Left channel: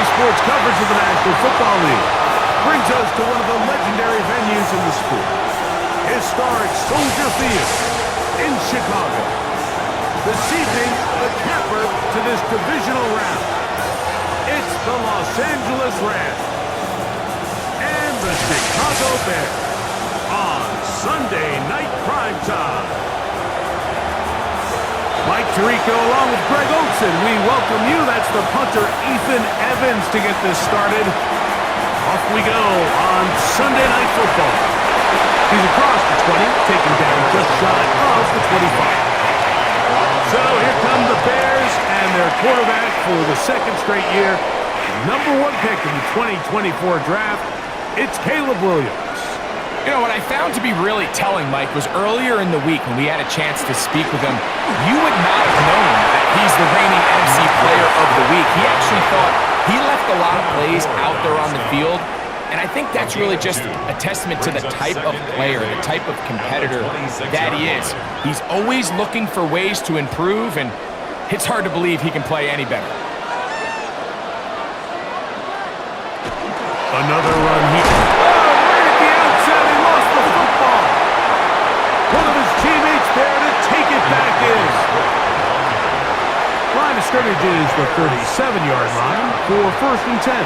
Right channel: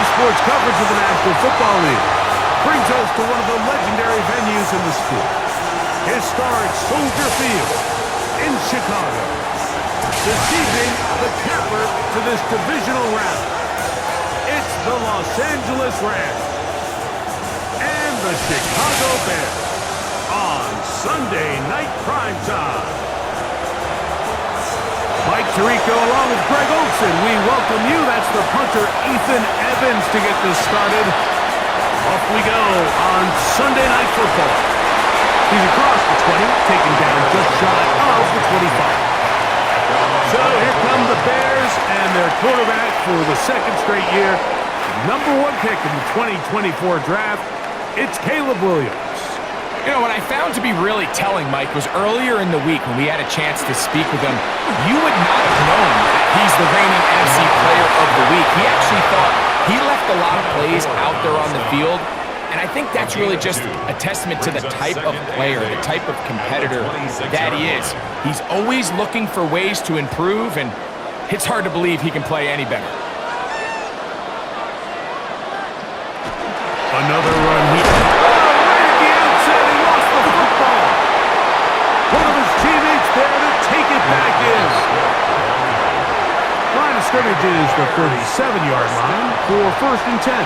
Today's sports coverage of the National Football League brings us to one of the legendary venues in the sport. Historic Soldier Field in Chicago. This evening, the capper to this divisional round. It's the Los Angeles Rams and the Chicago Bears on Sunday Night Primetime. Mike Tirico along with Greg Olson, we welcome you. That's the punter Ethan Evans to get this started. Off we go on Sunday Night Football. He's across the 20, taken down just shy of the 25. So here come the Bears and their quarterback for the second straight year. Number 1 pick in the 2024 draft, it's Caleb Williams. You know, what I found to be really telling, Mike, was earlier in the week when we had a chance to speak with him, you would not have known that he's the reigning NFC Player of the Week. He actually thought he left a lot of plays out there on the field, and I think that's really just a testament to the type of player, the type of competitor that he is. He's always looking for ways to improve, and it's hard to believe he can play any better. Another run here. He lost the football. One of his teammates there to take it back in. Line of scrimmage is the 37-yard line for 1st and 10.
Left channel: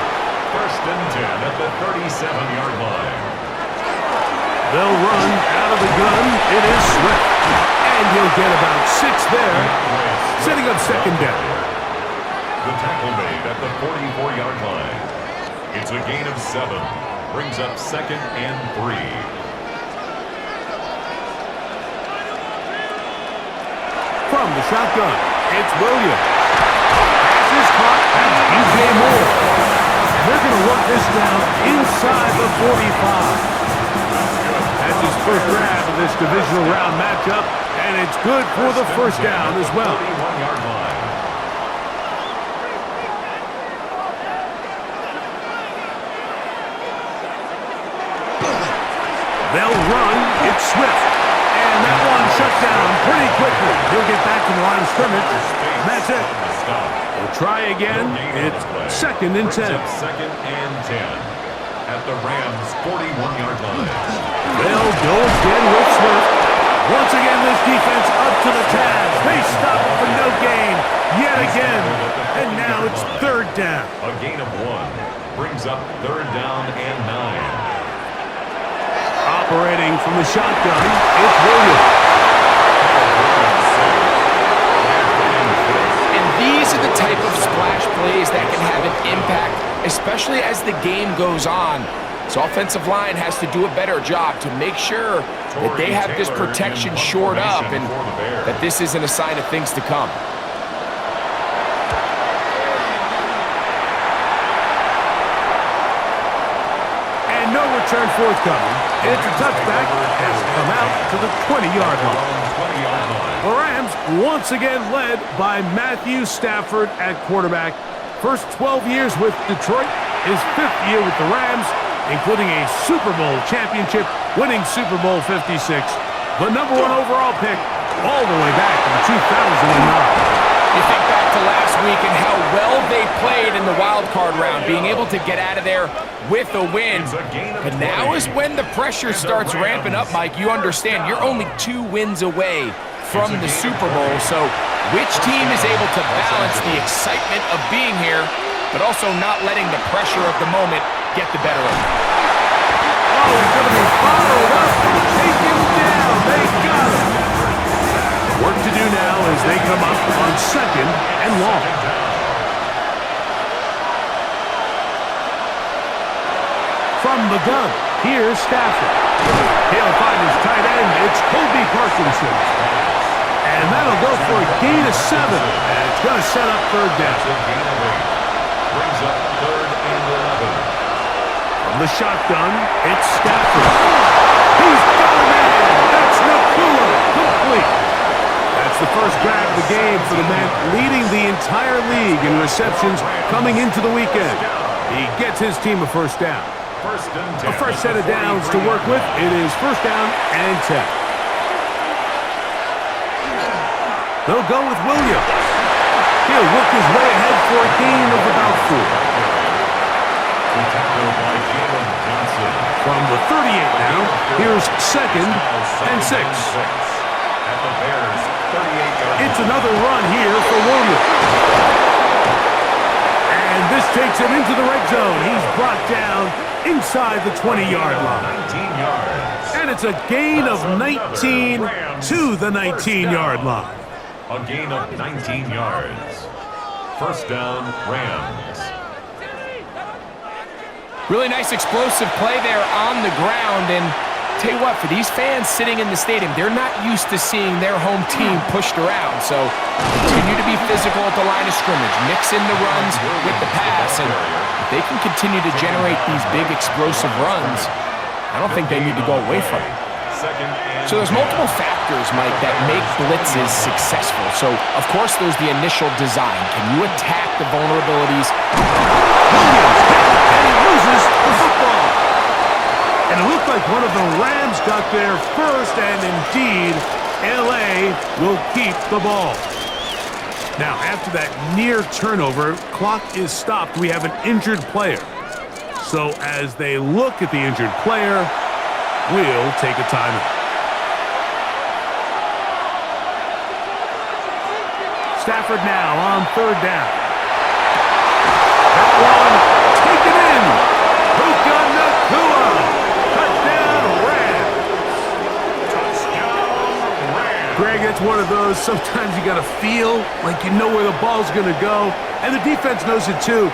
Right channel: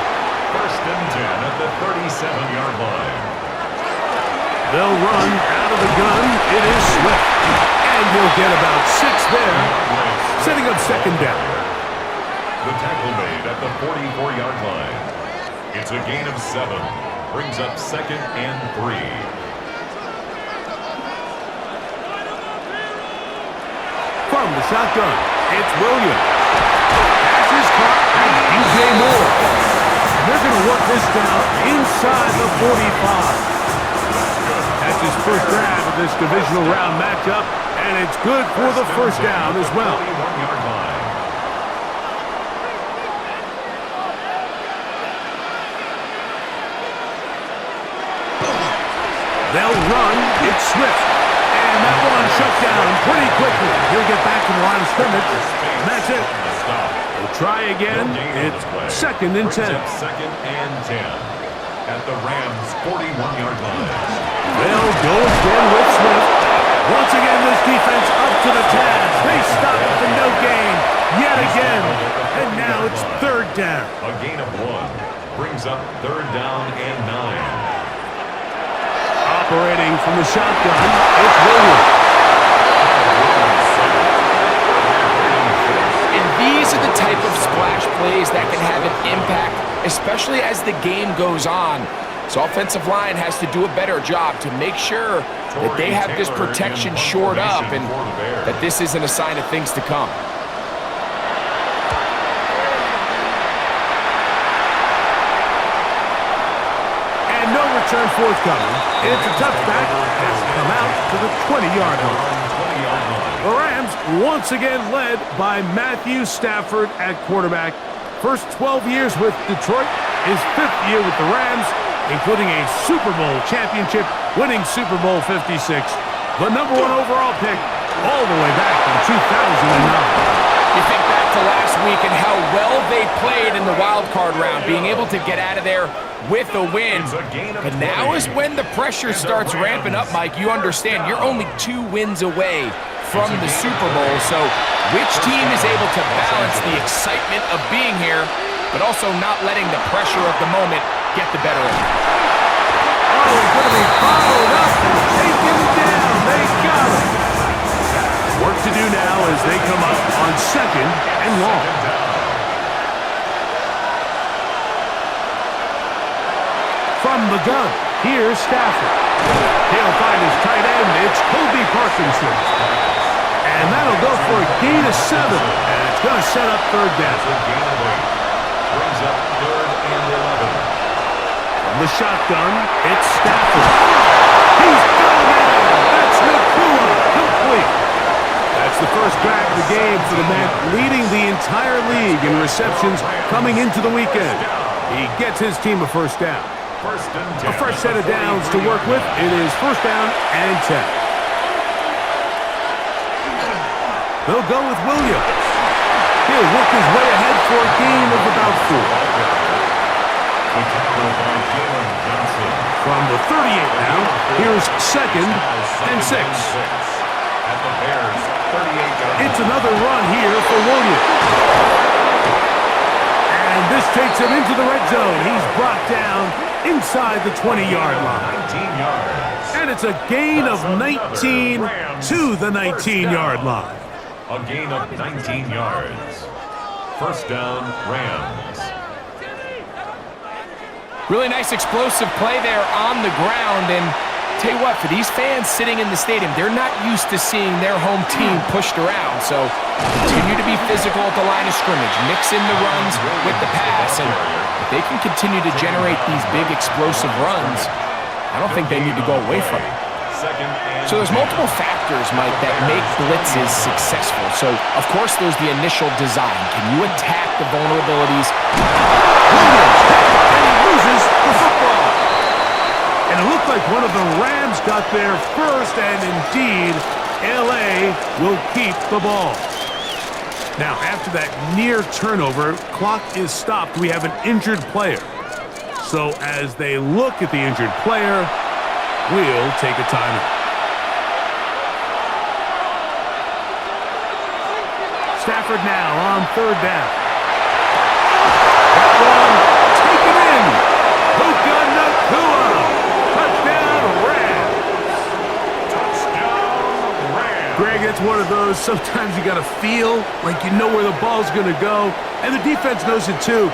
1st and 10 at the 37-yard line. They'll run out of the gun. It is Swift. And he'll get about 6 there, setting up 2nd down. The tackle made at the 44-yard line. It's a gain of 7. Brings up 2nd and 3. From the shotgun, it's Williams. Pass is caught. That's DJ Moore. And they're going to work this down inside the 45. That's his first grab of this divisional round matchup, and it's good for the 1st down as well. 41-yard line. They'll run. It's Swift. And that one shut down pretty quickly. He'll get back to the line of scrimmage. And that's it. We'll try again. It's 2nd and 10. 2nd and 10 at the Rams' 41-yard line. They'll go again with Swift. Once again, this defense up to the task. They stop it for no gain yet again. And now it's 3rd down. A gain of 1 brings up 3rd down and 9. Operating from the shotgun, it's Williams. And these are the type of splash plays that can have an impact, especially as the game goes on. So offensive line has to do a better job to make sure that they have this protection shored up and that this isn't a sign of things to come. No return forthcoming. It's a touchback and will come out to the 20-yard line. The Rams once again led by Matthew Stafford at quarterback. First 12 years with Detroit, his 5th year with the Rams, including a Super Bowl championship, winning Super Bowl 56. The number 1 overall pick all the way back in 2009. You think back to last week and how well they played in the wild card round, being able to get out of there with a win. And now is when the pressure starts ramping up, Mike. You understand, you're only 2 wins away from the Super Bowl. So which team is able to balance the excitement of being here, but also not letting the pressure of the moment get the better of them? Oh, he's going to be followed up and taken down. They got him. Work to do now as they come up on 2nd and long. From the gun, here's Stafford. He'll find his tight end. It's Kobe Parkinson. And that'll go for a gain of 7. And it's going to set up 3rd down. A gain of 8. Brings up 3rd and 11. From the shotgun, it's Stafford. He's got a man. That's Nakua. Complete. That's the first grab of the game for the man leading the entire league in receptions coming into the weekend. He gets his team a 1st down. A first set of downs to work with. It is 1st down and 10. They'll go with Williams. He'll work his way ahead for a gain of about 4. The tackle by Jalen Johnson. From the 38 now, here's 2nd and 6. At the Bears' 38-yard line. It's another run here for Williams. And this takes him into the red zone. He's brought down inside the 20-yard line. 19 yards. And it's a gain of 19 to the 19-yard line. A gain of 19 yards. First down, Rams. Really nice explosive play there on the ground, and tell you what, for these fans sitting in the stadium, they're not used to seeing their home team pushed around, so continue to be physical at the line of scrimmage, mix in the runs with the pass, and if they can continue to generate these big explosive runs, I don't think they need to go away from it. So there's multiple factors, Mike, that make blitzes successful. So, of course, there's the initial design. Can you attack the vulnerabilities? Williams hit, and he loses the football. And it looked like one of the Rams got there first, and indeed, L.A. will keep the ball. Now, after that near turnover, clock is stopped. We have an injured player. So as they look at the injured player, we'll take a timeout. Stafford now on 3rd down. That one taken in. Puka Nacua. Touchdown, Rams. Touchdown, Rams. Greg, it's one of those, sometimes you got to feel like you know where the ball's going to go, and the defense knows it too,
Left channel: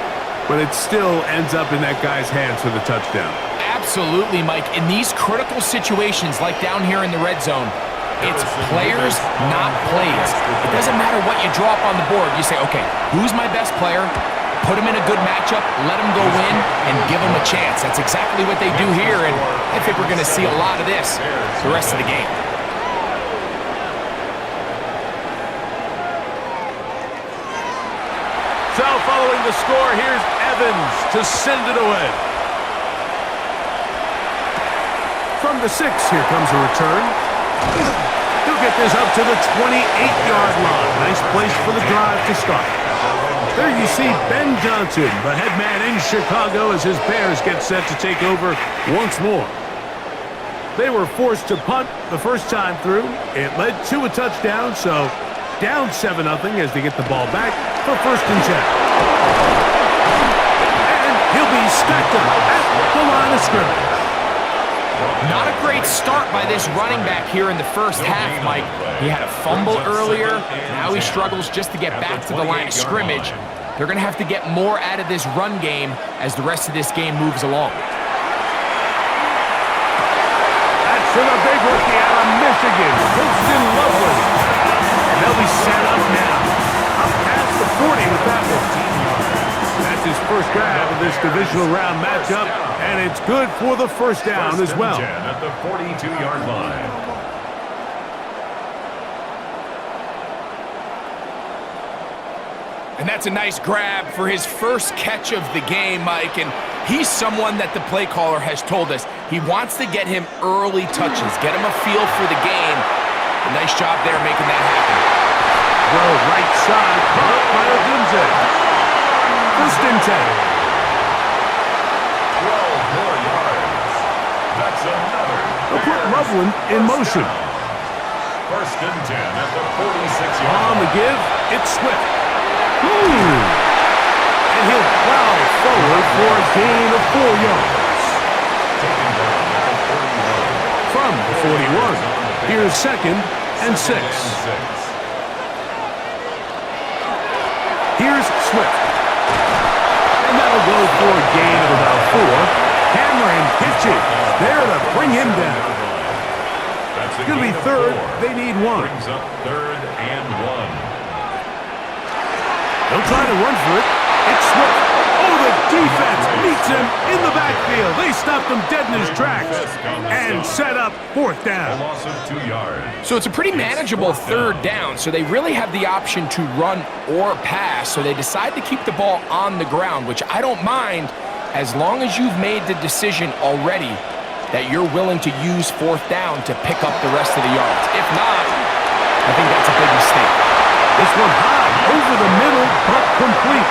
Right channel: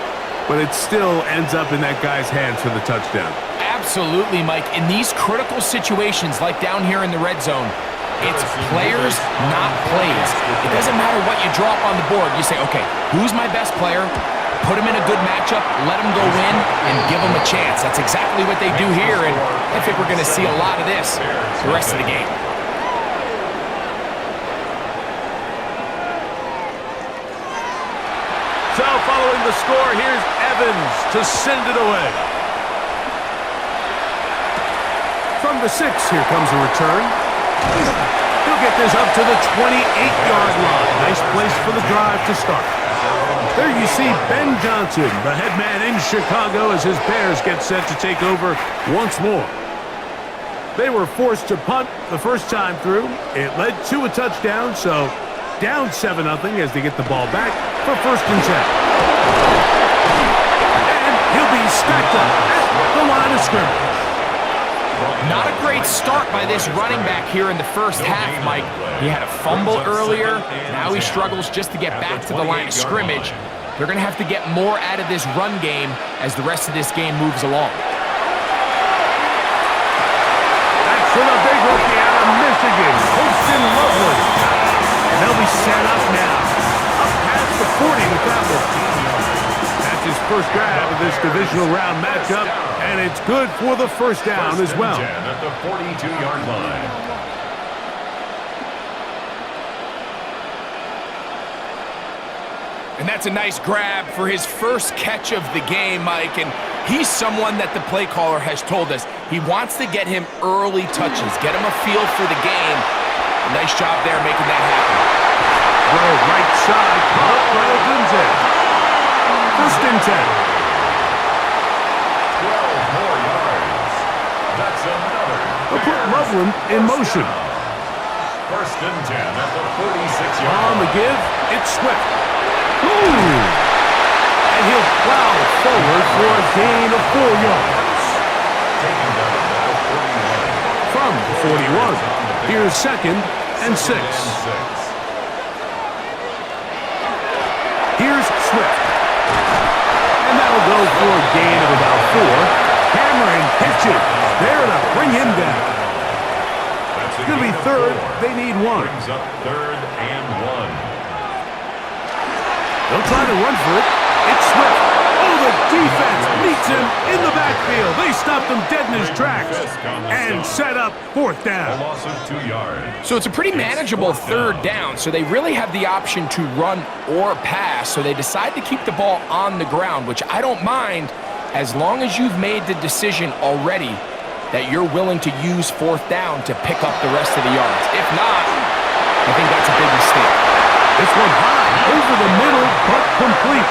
but it still ends up in that guy's hands for the touchdown. Absolutely, Mike. In these critical situations, like down here in the red zone, it's players, not plays. It doesn't matter what you draw up on the board. You say, okay, who's my best player? Put him in a good matchup, let him go in, and give him a chance. That's exactly what they do here, and I think we're going to see a lot of this the rest of the game. So following the score, here's Evans to send it away. From the 6, here comes a return. He'll get this up to the 28-yard line. Nice place for the drive to start. There you see Ben Johnson, the head man in Chicago, as his Bears get set to take over once more. They were forced to punt the first time through. It led to a touchdown, so down 7-0 as they get the ball back for 1st and 10. And he'll be stacked up at the line of scrimmage. Not a great start by this running back here in the first half, Mike. He had a fumble earlier. Now he struggles just to get back to the line of scrimmage. They're going to have to get more out of this run game as the rest of this game moves along. That's for the big rookie out of Michigan, Colston Loveland. And they'll be set up now. Up past the 40 with that one. That's his first grab of this divisional round matchup, and it's good for the first down as well. At the 42-yard line. And that's a nice grab for his first catch of the game, Mike. And he's someone that the play caller has told us he wants to get him early touches, get him a feel for the game. A nice job there making that happen. Throw right side, caught by Odunze. 1st and 10. 12 more yards. That's another. They'll put Loveland in motion. 1st and 10 at the 46-yard line. On the give, it's Swift. Ooh. And he'll plow forward for a gain of 4 yards. Taken down at the 41. From the 41, here's 2nd and 6. Here's Swift. And that'll go for a gain of about 4. Cameron hits it there to bring him down. It's going to be 3rd. They need 1. Brings up 3rd and 1. They'll try to run for it. It's Swift. Oh, the defense meets him in the backfield. They stopped him dead in his tracks and set up 4th A down. loss of 2 yards. So it's a pretty manageable 3rd down, so they really have the option to run or pass, so they decide to keep the ball on the ground, which I don't mind as long as you've made the decision already that you're willing to use 4th down to pick up the rest of the yards. If not, I think that's a big mistake. This one high, over the middle, but complete.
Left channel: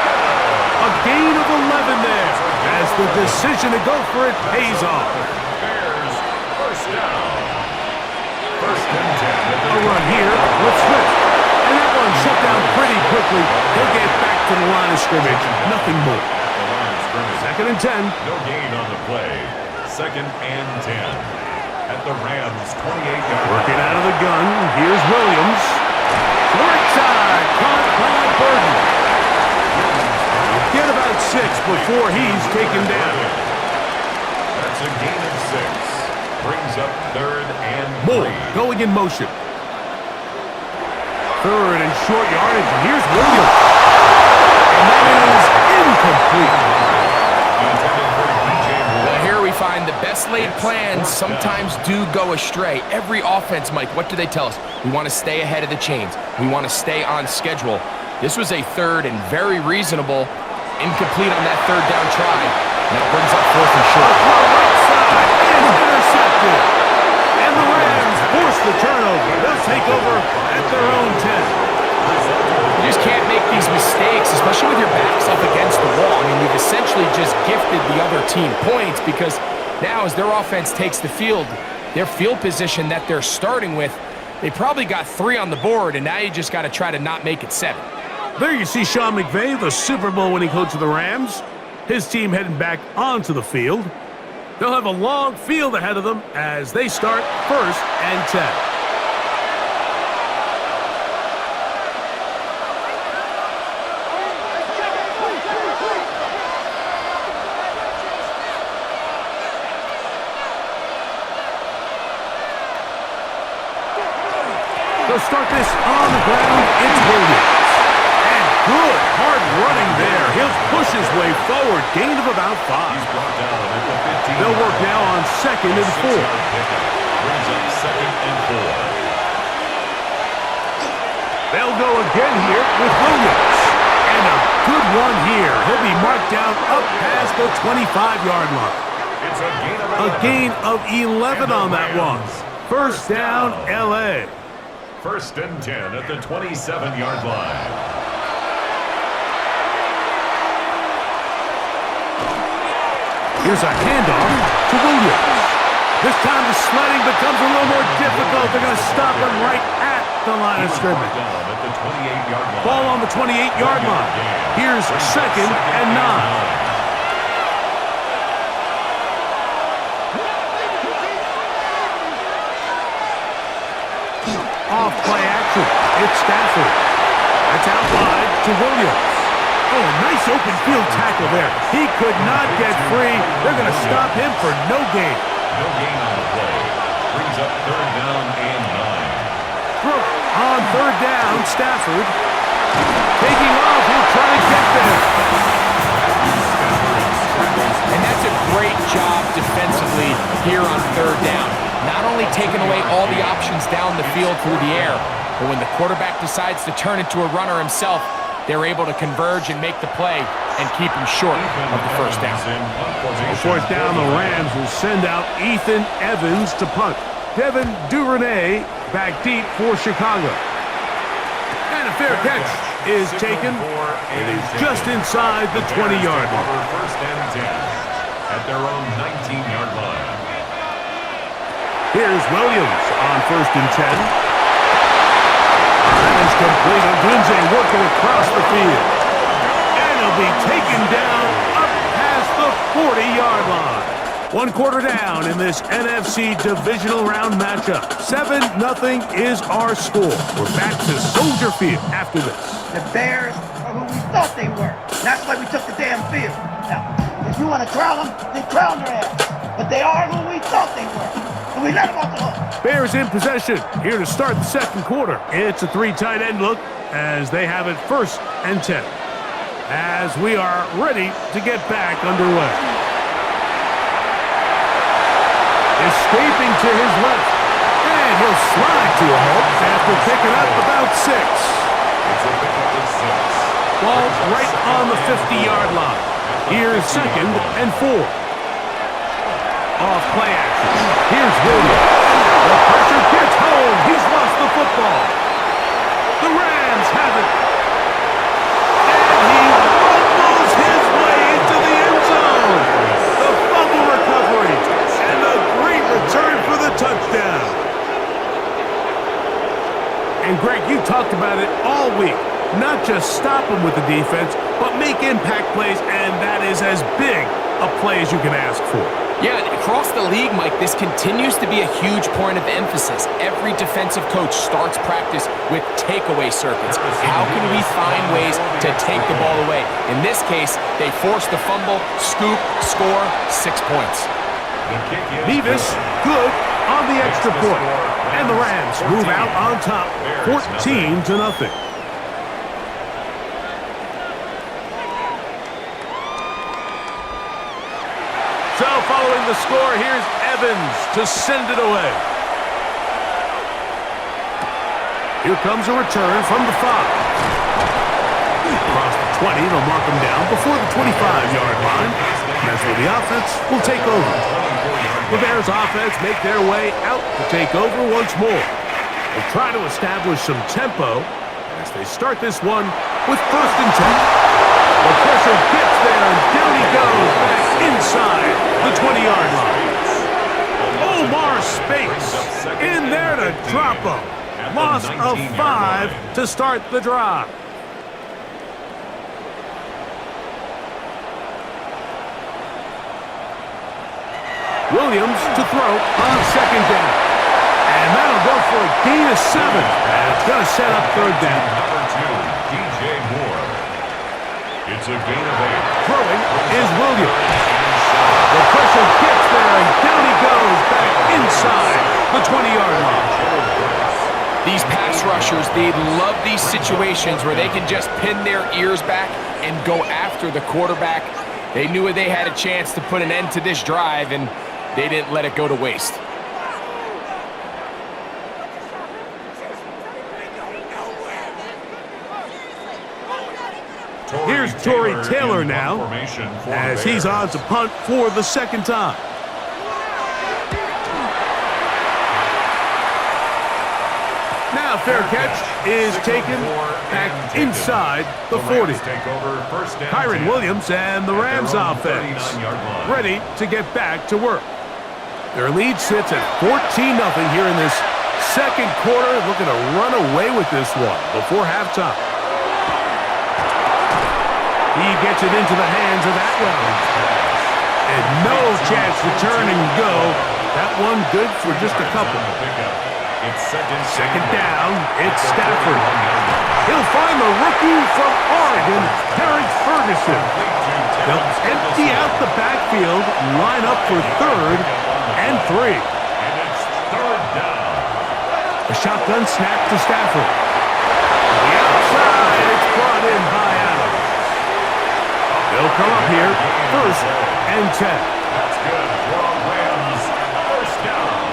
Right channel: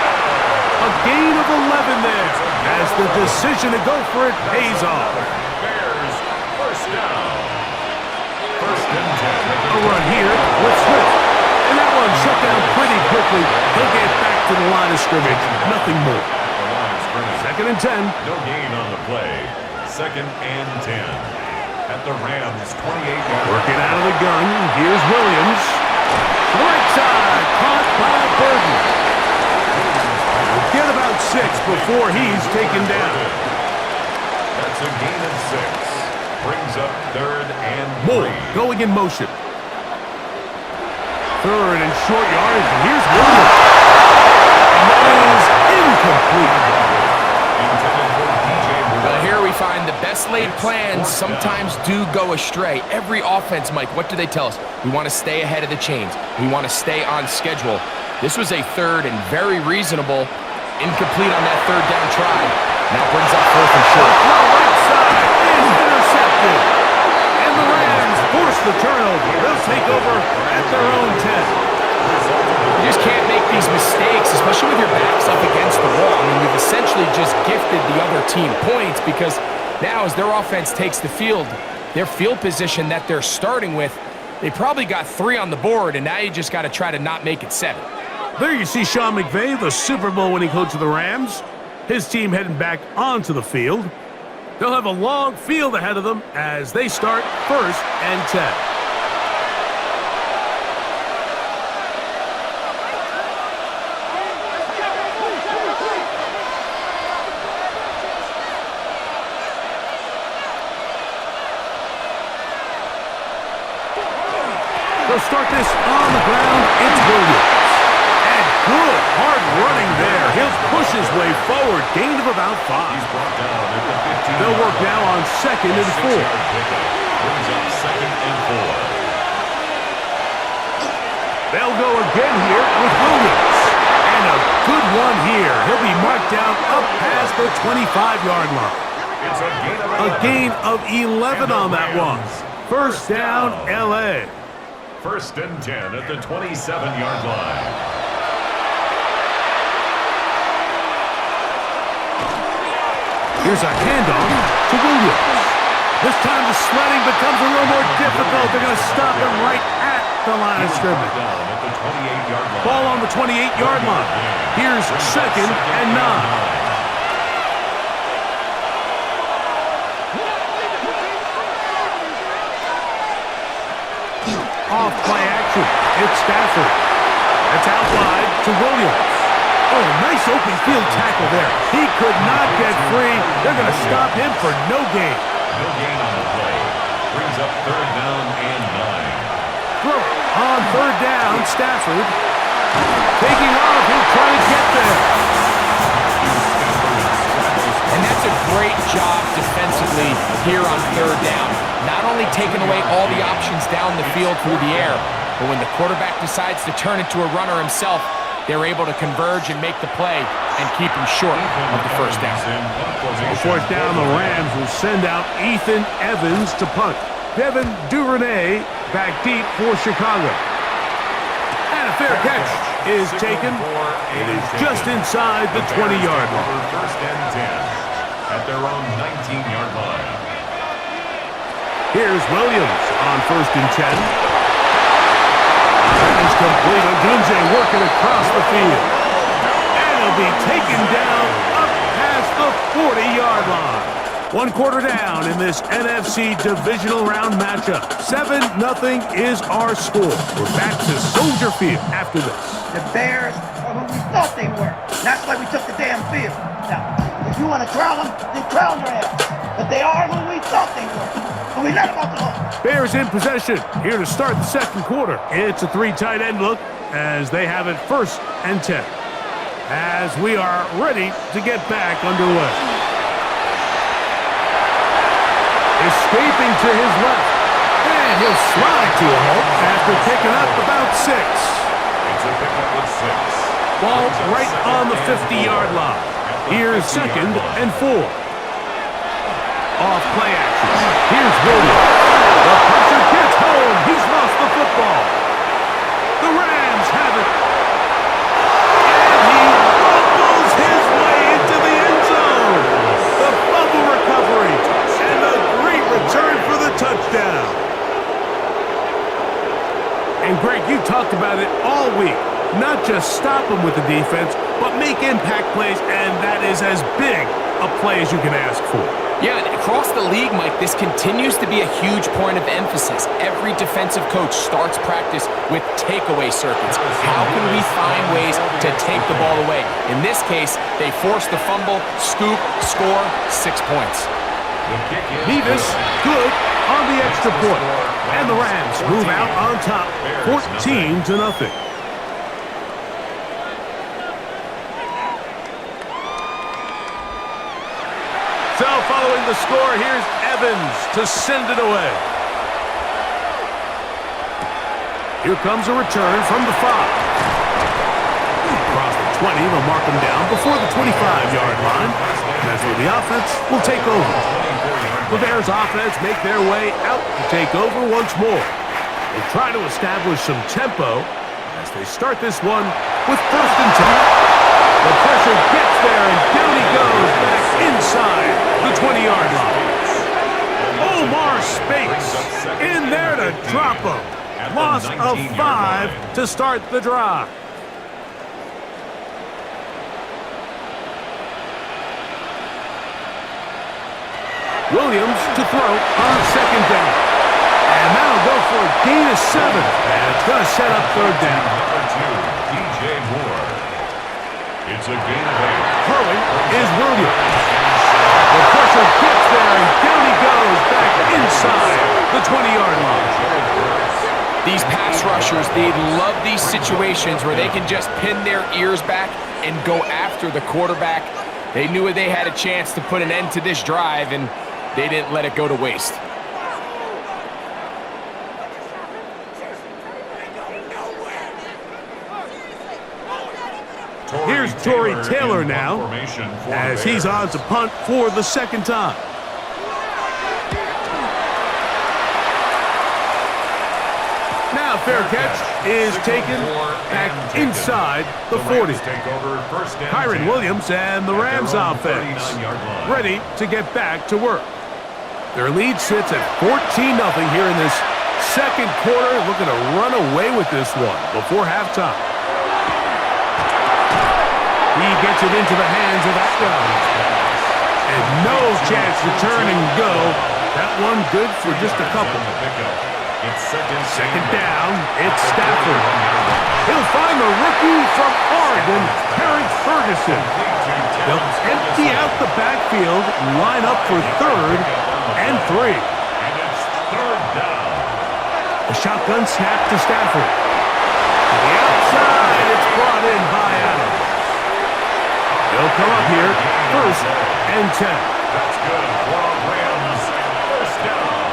A gain of 11 there as the decision to go for it pays off. Bears first down. First and 10. A run here with Swift. And that one shut down pretty quickly. He'll get back to the line of scrimmage. Nothing more. The line of scrimmage. Second and 10. No gain on the play. Second and 10. At the Rams 28-yard line. Working out of the gun. Here's Williams. To the right side. Caught by Burton. Get about 6 before he's taken down. That's a gain of 6. Brings up third and 3. Moore going in motion. Third and short yardage. And here's Williams. And that is incomplete. Intended for DJ Moore. Well, here we find the best laid plans sometimes do go astray. Every offense, Mike, what do they tell us? We want to stay ahead of the chains. We want to stay on schedule. This was a third and very reasonable. Incomplete on that third down try. Now brings up fourth and short. The throw right side is intercepted. And the Rams force the turnover. They'll take over at their own 10. You just can't make these mistakes, especially with your backs up against the wall. I mean, you've essentially just gifted the other team points because now as their offense takes the field, their field position that they're starting with, they probably got 3 on the board, and now you just got to try to not make it 7. There you see Sean McVay, the Super Bowl winning coach of the Rams. His team heading back onto the field. They'll have a long field ahead of them as they start first and 10. They'll start this on the ground. It's Williams. And good hard running there. He'll push his way forward. Gain of about 5. He's brought down at the 15. They'll work now on second and 4. Brings up second and 4. They'll go again here with Williams. And a good one here. He'll be marked down up past the 25-yard line. It's A gain of 11 on that one. First down, L.A. First and 10 at the 27-yard line. Here's a handoff to Williams. This time the sledding becomes a little more difficult. They're going to stop him right at the line of scrimmage. Down at the 28-yard line. Ball on the 28-yard line. Here's second and 9. Off play action. It's Stafford. That's out wide to Williams. Oh, nice open field tackle there. He could not get free. They're going to stop him for no gain. No gain on the play. Brings up third down and 9. Throw on third down, Stafford. Taking off, he'll try to get there. And that's a great job defensively here on third down. Not only taking away all the options down the field through the air, but when the quarterback decides to turn into a runner himself, they're able to converge and make the play and keep him short of the first down. On fourth down, the Rams will send out Ethan Evans to punt. Devin Duvernay back deep for Chicago. And a fair catch is taken. It is just inside the 20-yard line. First and 10 at their own 19-yard line. Here's Williams on first and 10. That is complete. Odunze working across the field. And he'll be taken down up past the 40-yard line. 1 quarter down in this NFC Divisional Round matchup. 7-0 is our score. We're back to Soldier Field after this. The Bears are who we thought they were. That's why we took the damn field. Now, if you want to crown them, then crown their ass. But they are who we thought they were. And we let them off the hook. Bears in possession here to start the second quarter. It's a 3 tight end look as they have it first and 10. As we are ready to get back underway. Escaping to his left. And he'll slide to a halt after picking up about 6. It's a pickup of 6. Ball right on the 50-yard line. Here's second and 4. Off play action. Here's Williams. The pressure gets home. He's lost the football. The Rams have it. And he rumbles his talked about it all week. Not just stop them with the defense, but make impact plays, and that is as big a play as you can ask for. Yeah, and across the league, Mike, this continues to be a huge point of emphasis. Every defensive coach starts practice with takeaway circuits. How can we find ways to take the ball away? In this case, they forced the fumble, scoop, score, 6 points. Nevis, good on the extra point. And the Rams move out on top, 14-0. So following the score, here's Evans to send it away. Here comes a return from the 5. Across the 20, they'll mark him down before the 25-yard line. And that's where the offense will take over. The Bears offense make their way out to take over once more. They'll try to establish some tempo as they start this one with 1st and 10. The pressure gets there, and down he goes back inside the 20-yard line. Omar Speights in there to drop him. Loss of 5 to start the drive. Williams to throw on 2nd down. And that'll go for a gain of 7. And it's going to set up 3rd down. Number 2, DJ Moore. It's a gain of 8. Throwing is Williams. The pressure gets there, and down he goes back inside the 20-yard line. These pass rushers, they love these situations where they can just pin their ears back and go after the quarterback. They knew they had a chance to put an end to this drive, and they didn't let it go to waste. Here's Tory Taylor now, as he's on to punt for the 2nd time. Now fair catch is taken back inside the 40. Kyron Williams and the Rams offense ready to get back to work. Their lead sits at 14-0 here in this 2nd quarter, looking to run away with this one before halftime. He gets it into the hands of Atwell. And no chance to turn and go. That one good for just a couple. 2nd down, it's Stafford. He'll find the rookie from Oregon, Terrence Ferguson. They'll empty out the backfield, line up for 3rd and 3. And it's 3rd down. A shotgun snap to Stafford. To the outside, it's brought in by Adams. They'll come up here, 1st and 10. That's good for a Rams 1st down.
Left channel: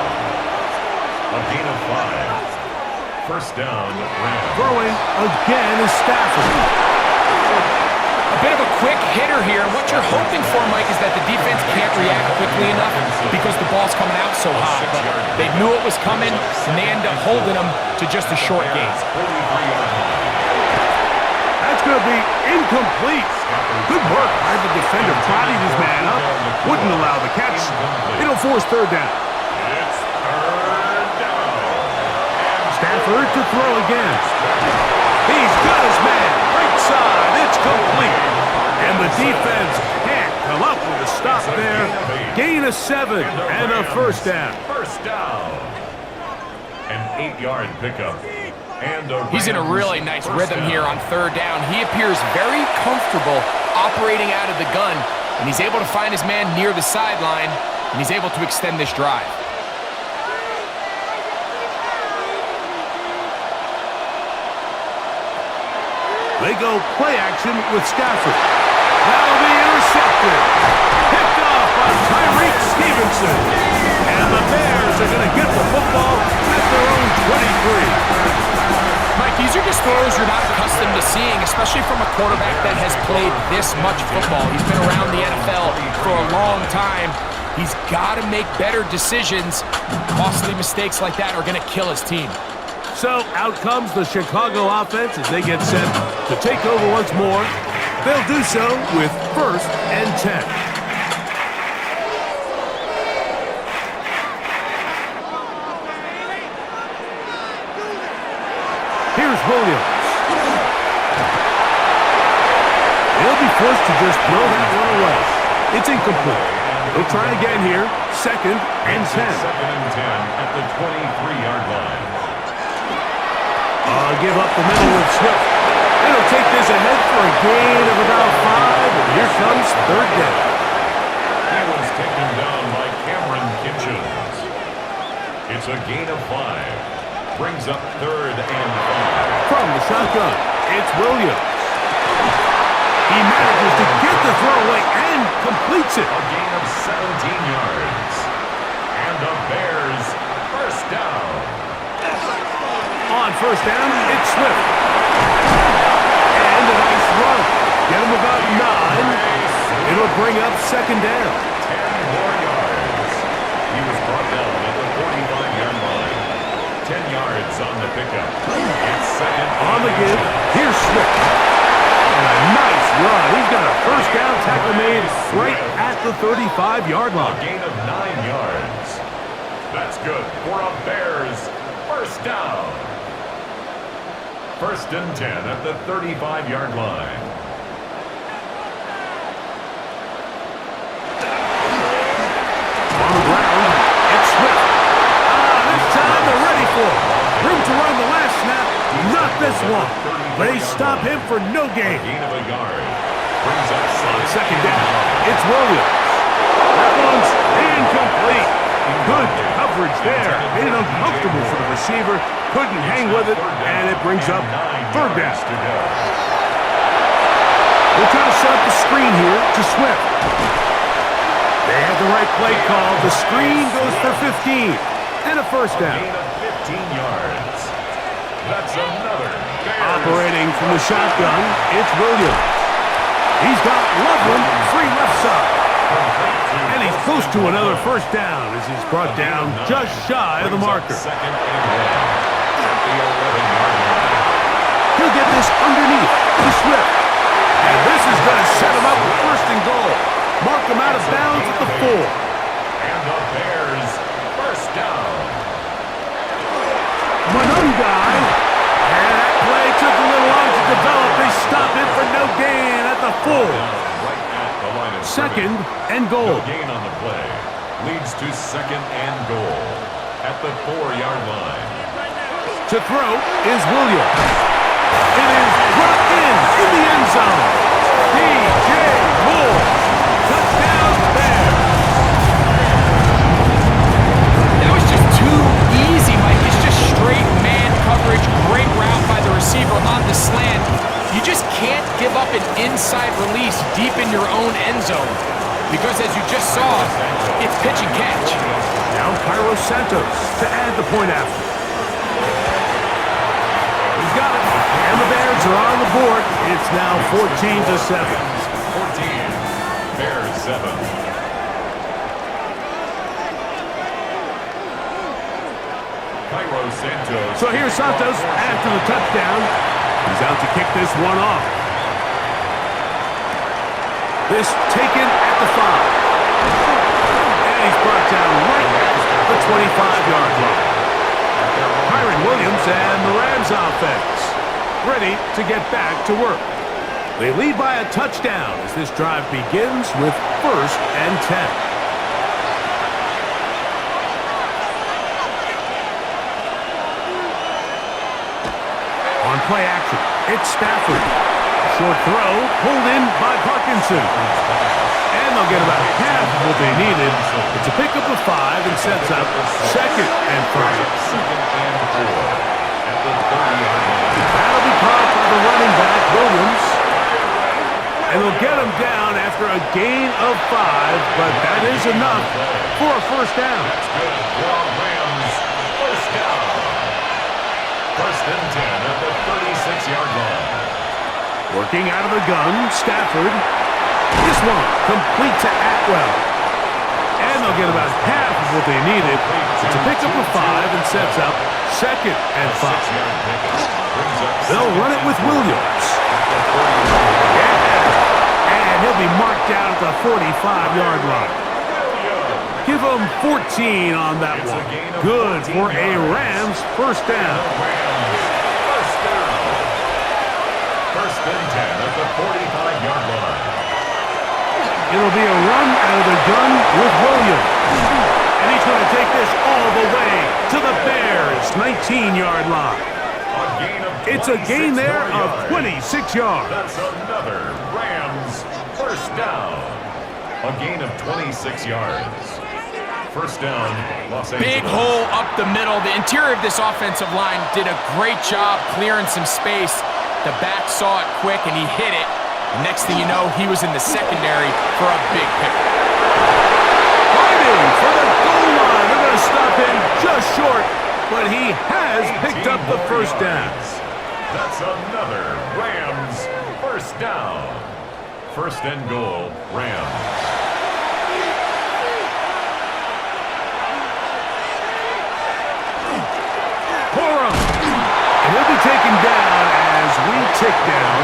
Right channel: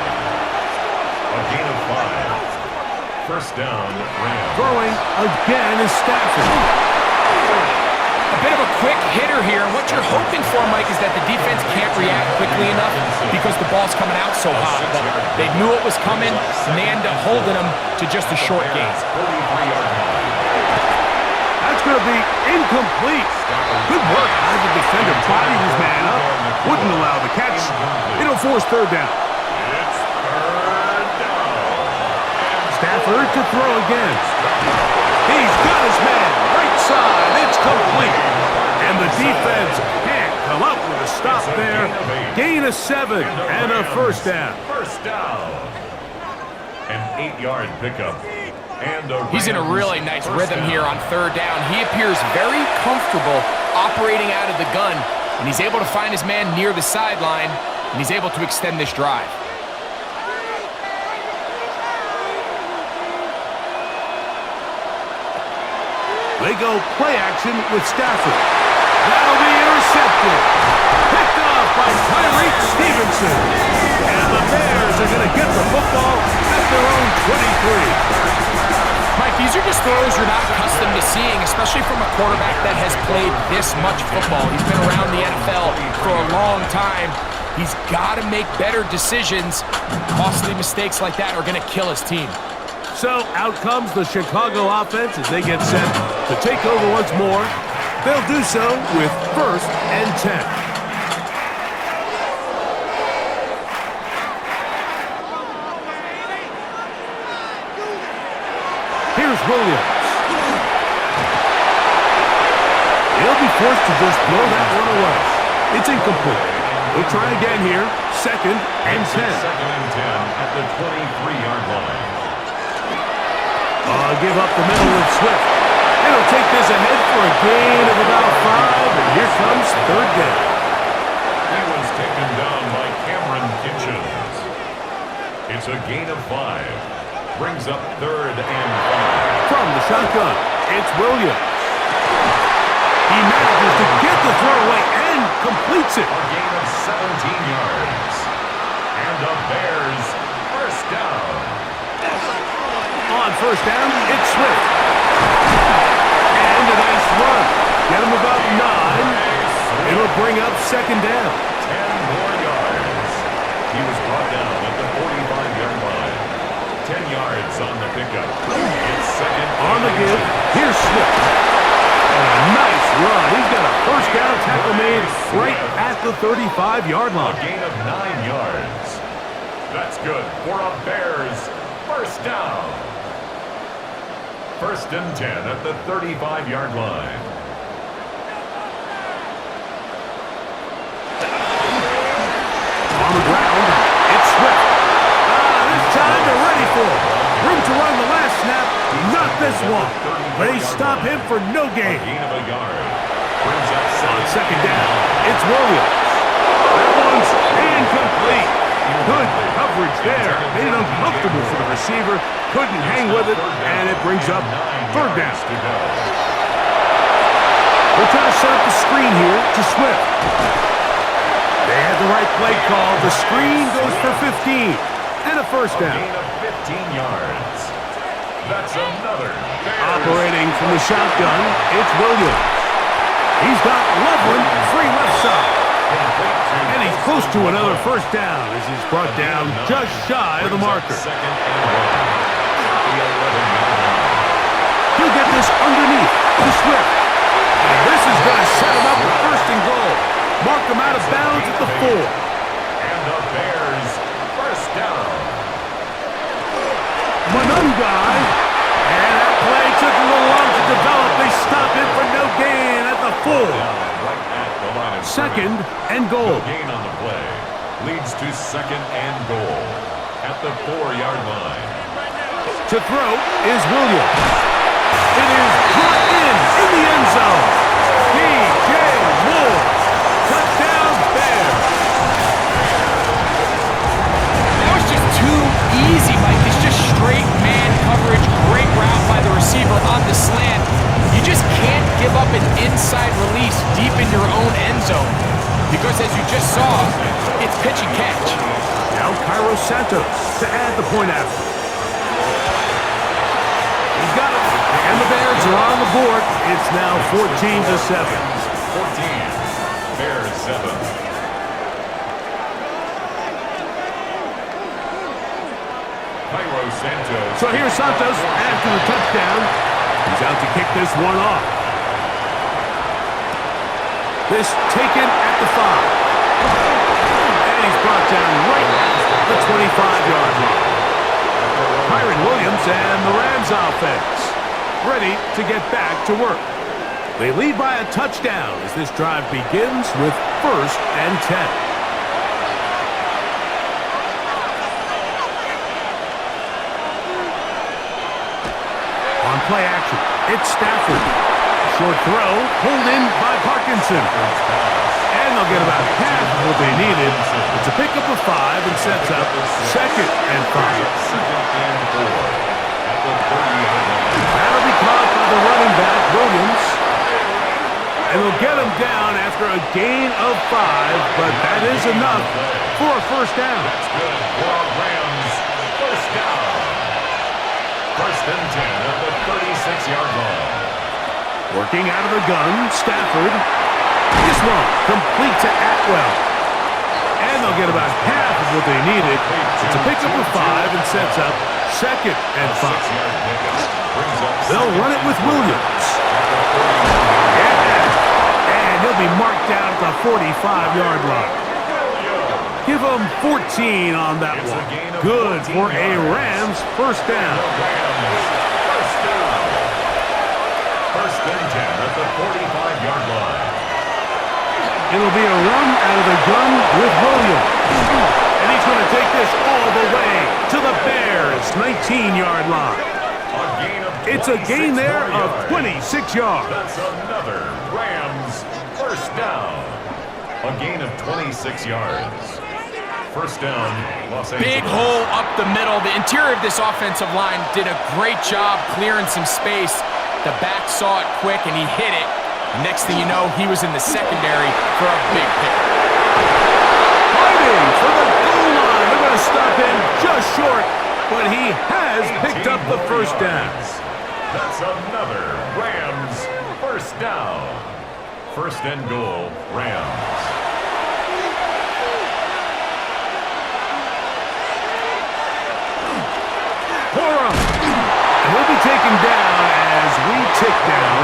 A gain of 5. 1st down, Rams. Throwing again is Stafford. A bit of a quick hitter here, and what you're hoping for, Mike, is that the defense can't react quickly enough because the ball's coming out so hot. But they knew it was coming, and they end up holding them to just a short gain. That's going to be incomplete. Good work by the defender. Bodied his man up. Wouldn't allow the catch. It'll force 3rd down. It's 3rd down. Stafford to throw again. He's got his man. Right side. It's complete. And the defense can't come up with a stop there. Gain of 7 and a 1st down. 1st down. An 8-yard pickup. He's in a really nice rhythm here on 3rd down. He appears very comfortable operating out of the gun, and he's able to find his man near the sideline, and he's able to extend this drive. They go play action with Stafford. That'll be intercepted. Picked off by Tyreek Stevenson. And the Bears are going to get the football at their own 23. Mike, these are just throws you're not accustomed to seeing, especially from a quarterback that has played this much football. He's been around the NFL for a long time. He's got to make better decisions. Costly mistakes like that are going to kill his team. So out comes the Chicago offense as they get set to take over once more. They'll do so with 1st and 10. Here's Here's Williams. He'll be forced to just throw that one away. It's incomplete. He'll try again here. Second and 10. Second and 10 at the 23-yard line. Give up the middle with Swift. It'll take this ahead for a gain of about 5, and here comes third down. He was taken down by Cameron Kitchens. It's a gain of 5. Brings up third and 5. From the shotgun, it's Williams. He manages to get the throw away and completes it. A gain of 17 yards. And the Bears first down. On first down, it's Swift. And a nice run. Get him about 9. It'll bring up second down. 10 more yards. He was brought down at the 45-yard line. 10 yards on the pickup. It's second. On the give, here's Swift. And a nice run. He's got a first down tackle made right at the 35-yard line. A gain of 9 yards. That's good for a Bears first down. First and 10 at the 35-yard line. On the ground, it's Swift. This time they're ready for him. Room to run the last snap, not this one. They stop him for no gain. Gain of a yard. Brings up On second down, it's Williams. That one's incomplete. Good coverage there. Made it uncomfortable for the receiver. Couldn't hang with it, and it brings up third down. We'll try to set up the screen here to Swift. They had the right play call. The screen goes for 15 and a first down. A gain of 15 yards. That's another Bears. Operating from the shotgun, it's Williams. He's got Loveland free left side. And he's close to another first down as he's brought down just shy of the marker. Second and 1 at the 11-yard line. He'll get this underneath to Swift. And this is going to set him up with first and goal. Mark him out of bounds at the 4. And the Bears first down. Manungai. And that play took a little long to develop. They stop him for no gain at the 4. Right at the line of Second scrimmage. and goal. No gain on the play. Leads to second and goal at the 4-yard line. To throw is Williams. It is brought in the end zone. DJ Moore. Touchdown Bears. That was just too easy, Mike. It's just straight man coverage. Great route by the receiver on the slant. You just can't give up an inside release deep in your own end zone. Because as you just saw, it's pitch and catch. Now Cairo Santos to add the point after. He's got it. And the Bears are on the board. It's now 14-7. 14. Bears 7. Cairo Santos. So here's Santos after the touchdown. He's out to kick this one off. This taken at the 5. And he's brought down right at the 25-yard line. Kyron Williams and the Rams offense ready to get back to work. They lead by a touchdown as this drive begins with first and 10. On play action, it's Stafford. Short throw pulled in by Parkinson. And they'll get about half of what they needed. It's a pickup of 5 and sets up second and 5. Second and 4 at the 30-yard line. That'll be caught by the running back, Williams. And they'll get him down after a gain of 5, but that is enough for a first down. That's good for Rams. First down. First and 10 at the 36-yard line. Working out of the gun, Stafford. This one complete to Atwell. And they'll get about half of what they needed. It's a pickup of 5 and sets up second and 5. They'll run it with Williams. Yeah. And he'll be marked down at the 45-yard line. Give him 14 on that one. Good for a Rams first down. Rams first down. First and 10 at the 45-yard line. It'll be a run out of the gun with Williams. And he's going to take this all the way to the Bears' 19-yard line. It's a gain there of 26 yards. That's another Rams first down. A gain of 26 yards. First down, Los Angeles. Big hole up the middle. The interior of this offensive line did a great job clearing some space. The back saw it quick, and he hit it. The next thing you know, he was in the secondary for a big pickup. Fighting for the goal line. They're going to stop him just short, but he has picked up the first down. That's another Rams first down. First and goal, Rams. Corum. And he'll be taken down as we tick down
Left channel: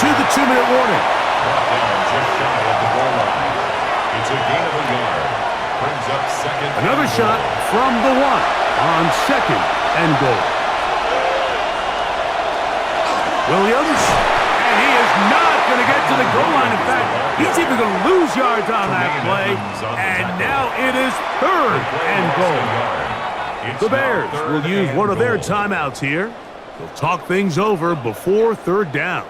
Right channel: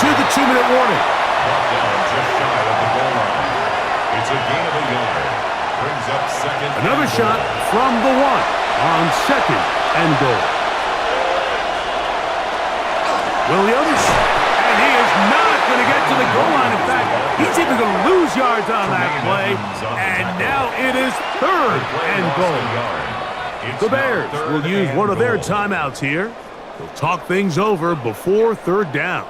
to the 2-minute warning. Brought down just shy of the goal line. It's a gain of a yard. Brings up second. Another shot from the 1 on second and goal. Williams, and he is not going to get to the goal line. In fact, he's even going to lose yards on that play. And now it is third and goal. The Bears will use one of their timeouts here. They'll talk things over before third down.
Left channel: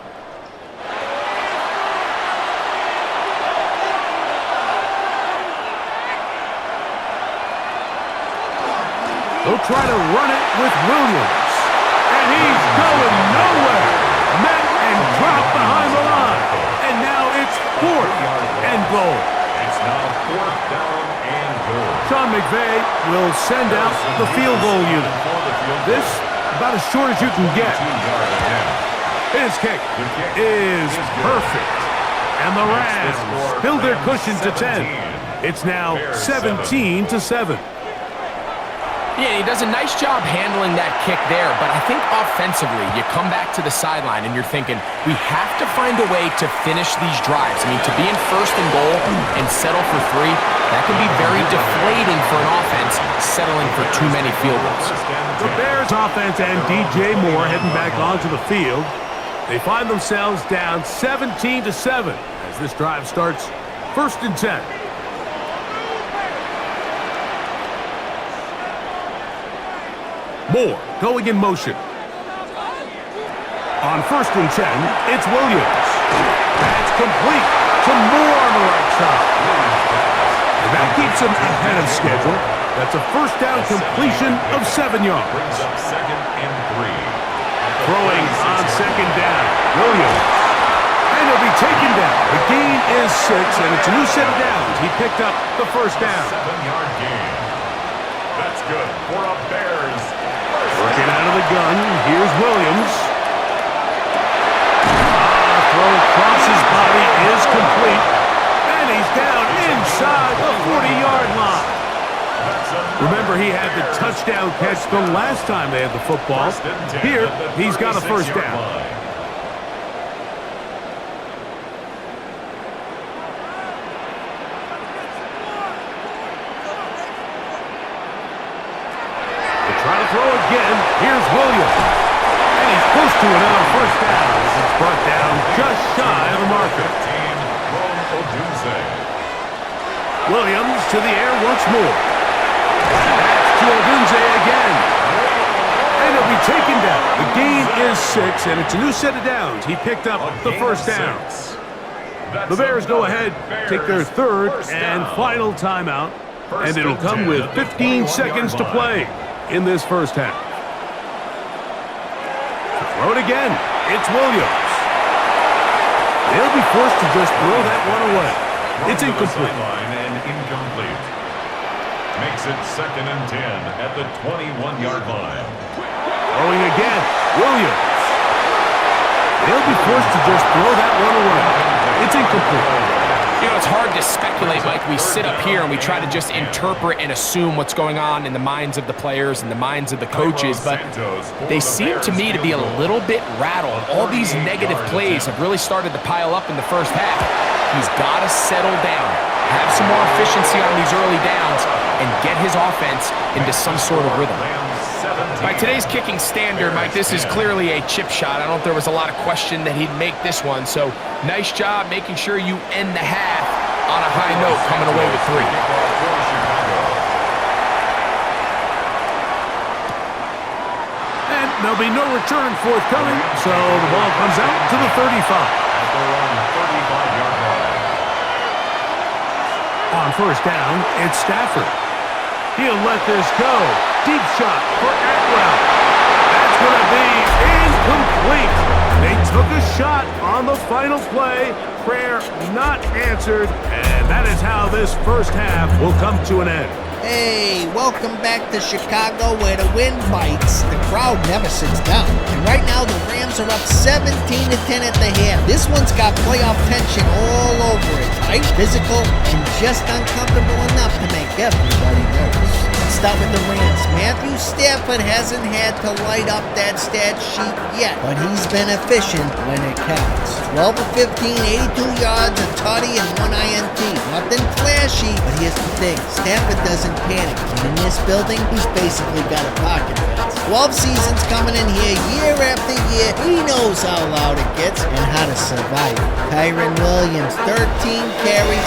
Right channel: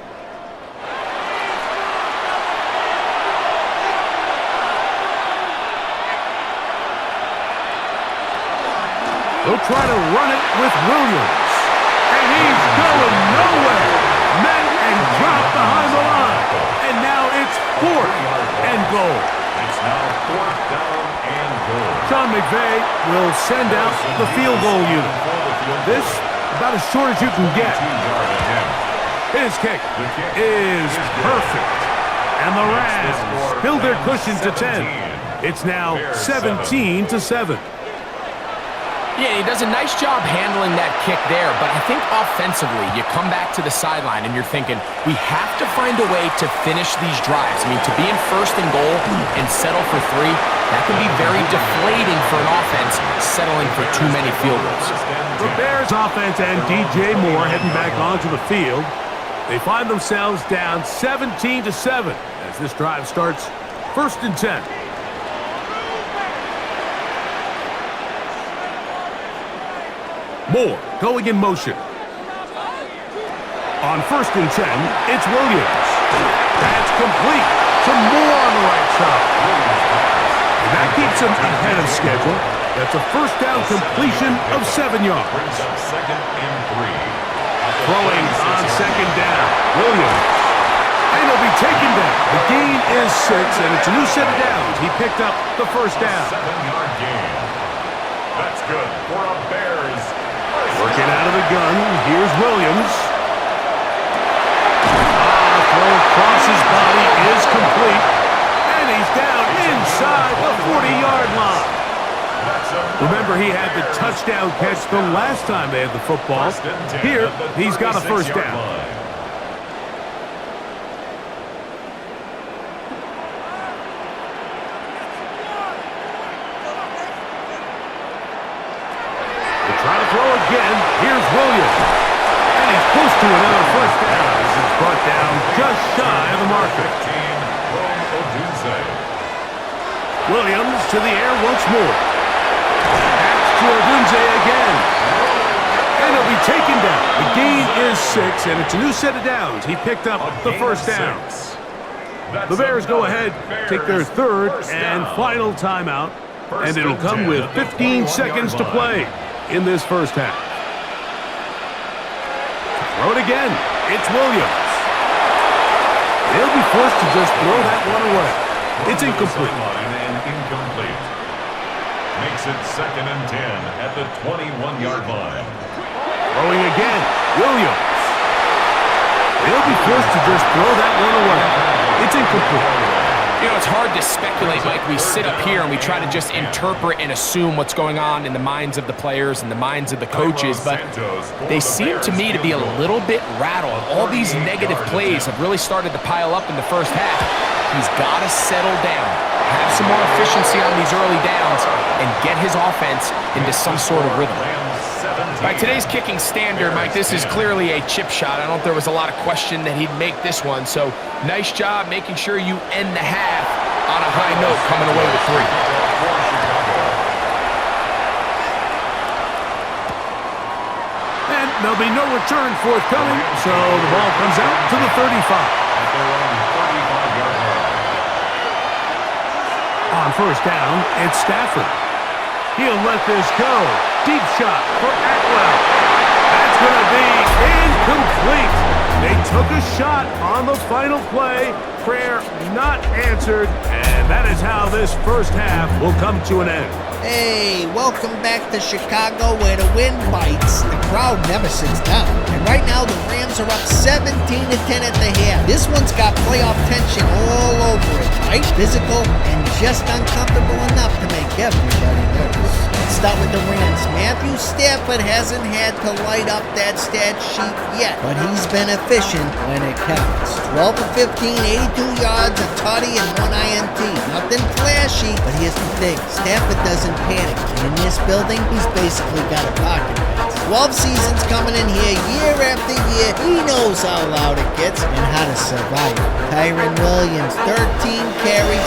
They'll try to run it with Williams. And he's going nowhere. Met and dropped behind the line. And now it's fourth and goal. It's now fourth down and goal. Sean McVay will send out the field goal unit. This, about as short as you can get. His kick is perfect. And the Rams build their cushion to 10. It's now 17-7. Yeah, he does a nice job handling that kick there, but I think offensively, you come back to the sideline and you're thinking, we have to find a way to finish these drives. I mean, to be in first and goal and settle for 3, that can be very deflating for an offense, settling for too many field goals. The Bears offense and DJ Moore heading back onto the field. They find themselves down 17-7 as this drive starts first and 10. Moore going in motion. On first and 10, it's Williams. That's complete to Moore on the right side. And that keeps him ahead of schedule. That's a first down completion of 7 yards. Brings up second and 3. Throwing on second down, Williams. And he'll be taken down. The gain is 6, and it's a new set of downs. He picked up the first down. 7-yard gain. That's good for a Bears. Working out of the gun, here's Williams. Throw across his body is complete. And he's down inside the 40-yard line. Remember, he had the touchdown catch the last time they had the football. Here, he's got a first down. Try to throw again. Here's Williams. And he's close to another first down as it's brought down just shy of the marker. Williams to the air once more. That's to Odunze again. And he'll be taken down. The gain is 6, and it's a new set of downs. He picked up the first down. The Bears go ahead, take their third and final timeout, and it'll come with 15 seconds to play in this first half. Throw it again. It's Williams. They'll be forced to just throw that one away. It's incomplete. And incomplete. Makes it second and 10 at the 21-yard line. Throwing again. Williams. They'll be forced to just throw that one away. It's incomplete. You know, it's hard to speculate, Mike. We sit up here and we try to just interpret and assume what's going on in the minds of the players and the minds of the coaches, but they seem to me to be a little bit rattled. All these negative plays have really started to pile up in the first half. He's got to settle down, have some more efficiency on these early downs and get his offense into some sort of rhythm. By today's kicking standard, Mike, this is clearly a chip shot. I don't think there was a lot of question that he'd make this one. So nice job making sure you end the half on a high note, coming away with 3. And there'll be no return forthcoming, so the ball comes out to the 35. At their own 35-yard line. On first down, it's Stafford. He'll let this go. Deep shot for Atwell. That's going to be incomplete. They took a shot on the final play. Prayer not answered. And that is how this first half will come to an end. Hey, welcome back to Chicago where the wind bites. The crowd never sits down. And right now the Rams are up 17-10 at the half. This one's got playoff tension all over it. Tight, physical, and just uncomfortable enough to make everybody nervous. Let's start with the Rams. Matthew Stafford hasn't had to light up that stat sheet yet, but he's been efficient when it counts. 12 of 15, 82 yards, a tutty, and 1 INT. Nothing flashy, but here's the thing. Stafford doesn't panic, and in this building, he's basically got a pocket pass. 12 seasons coming in here year after year. He knows how loud it gets and how to survive. Kyren Williams, 13 carries,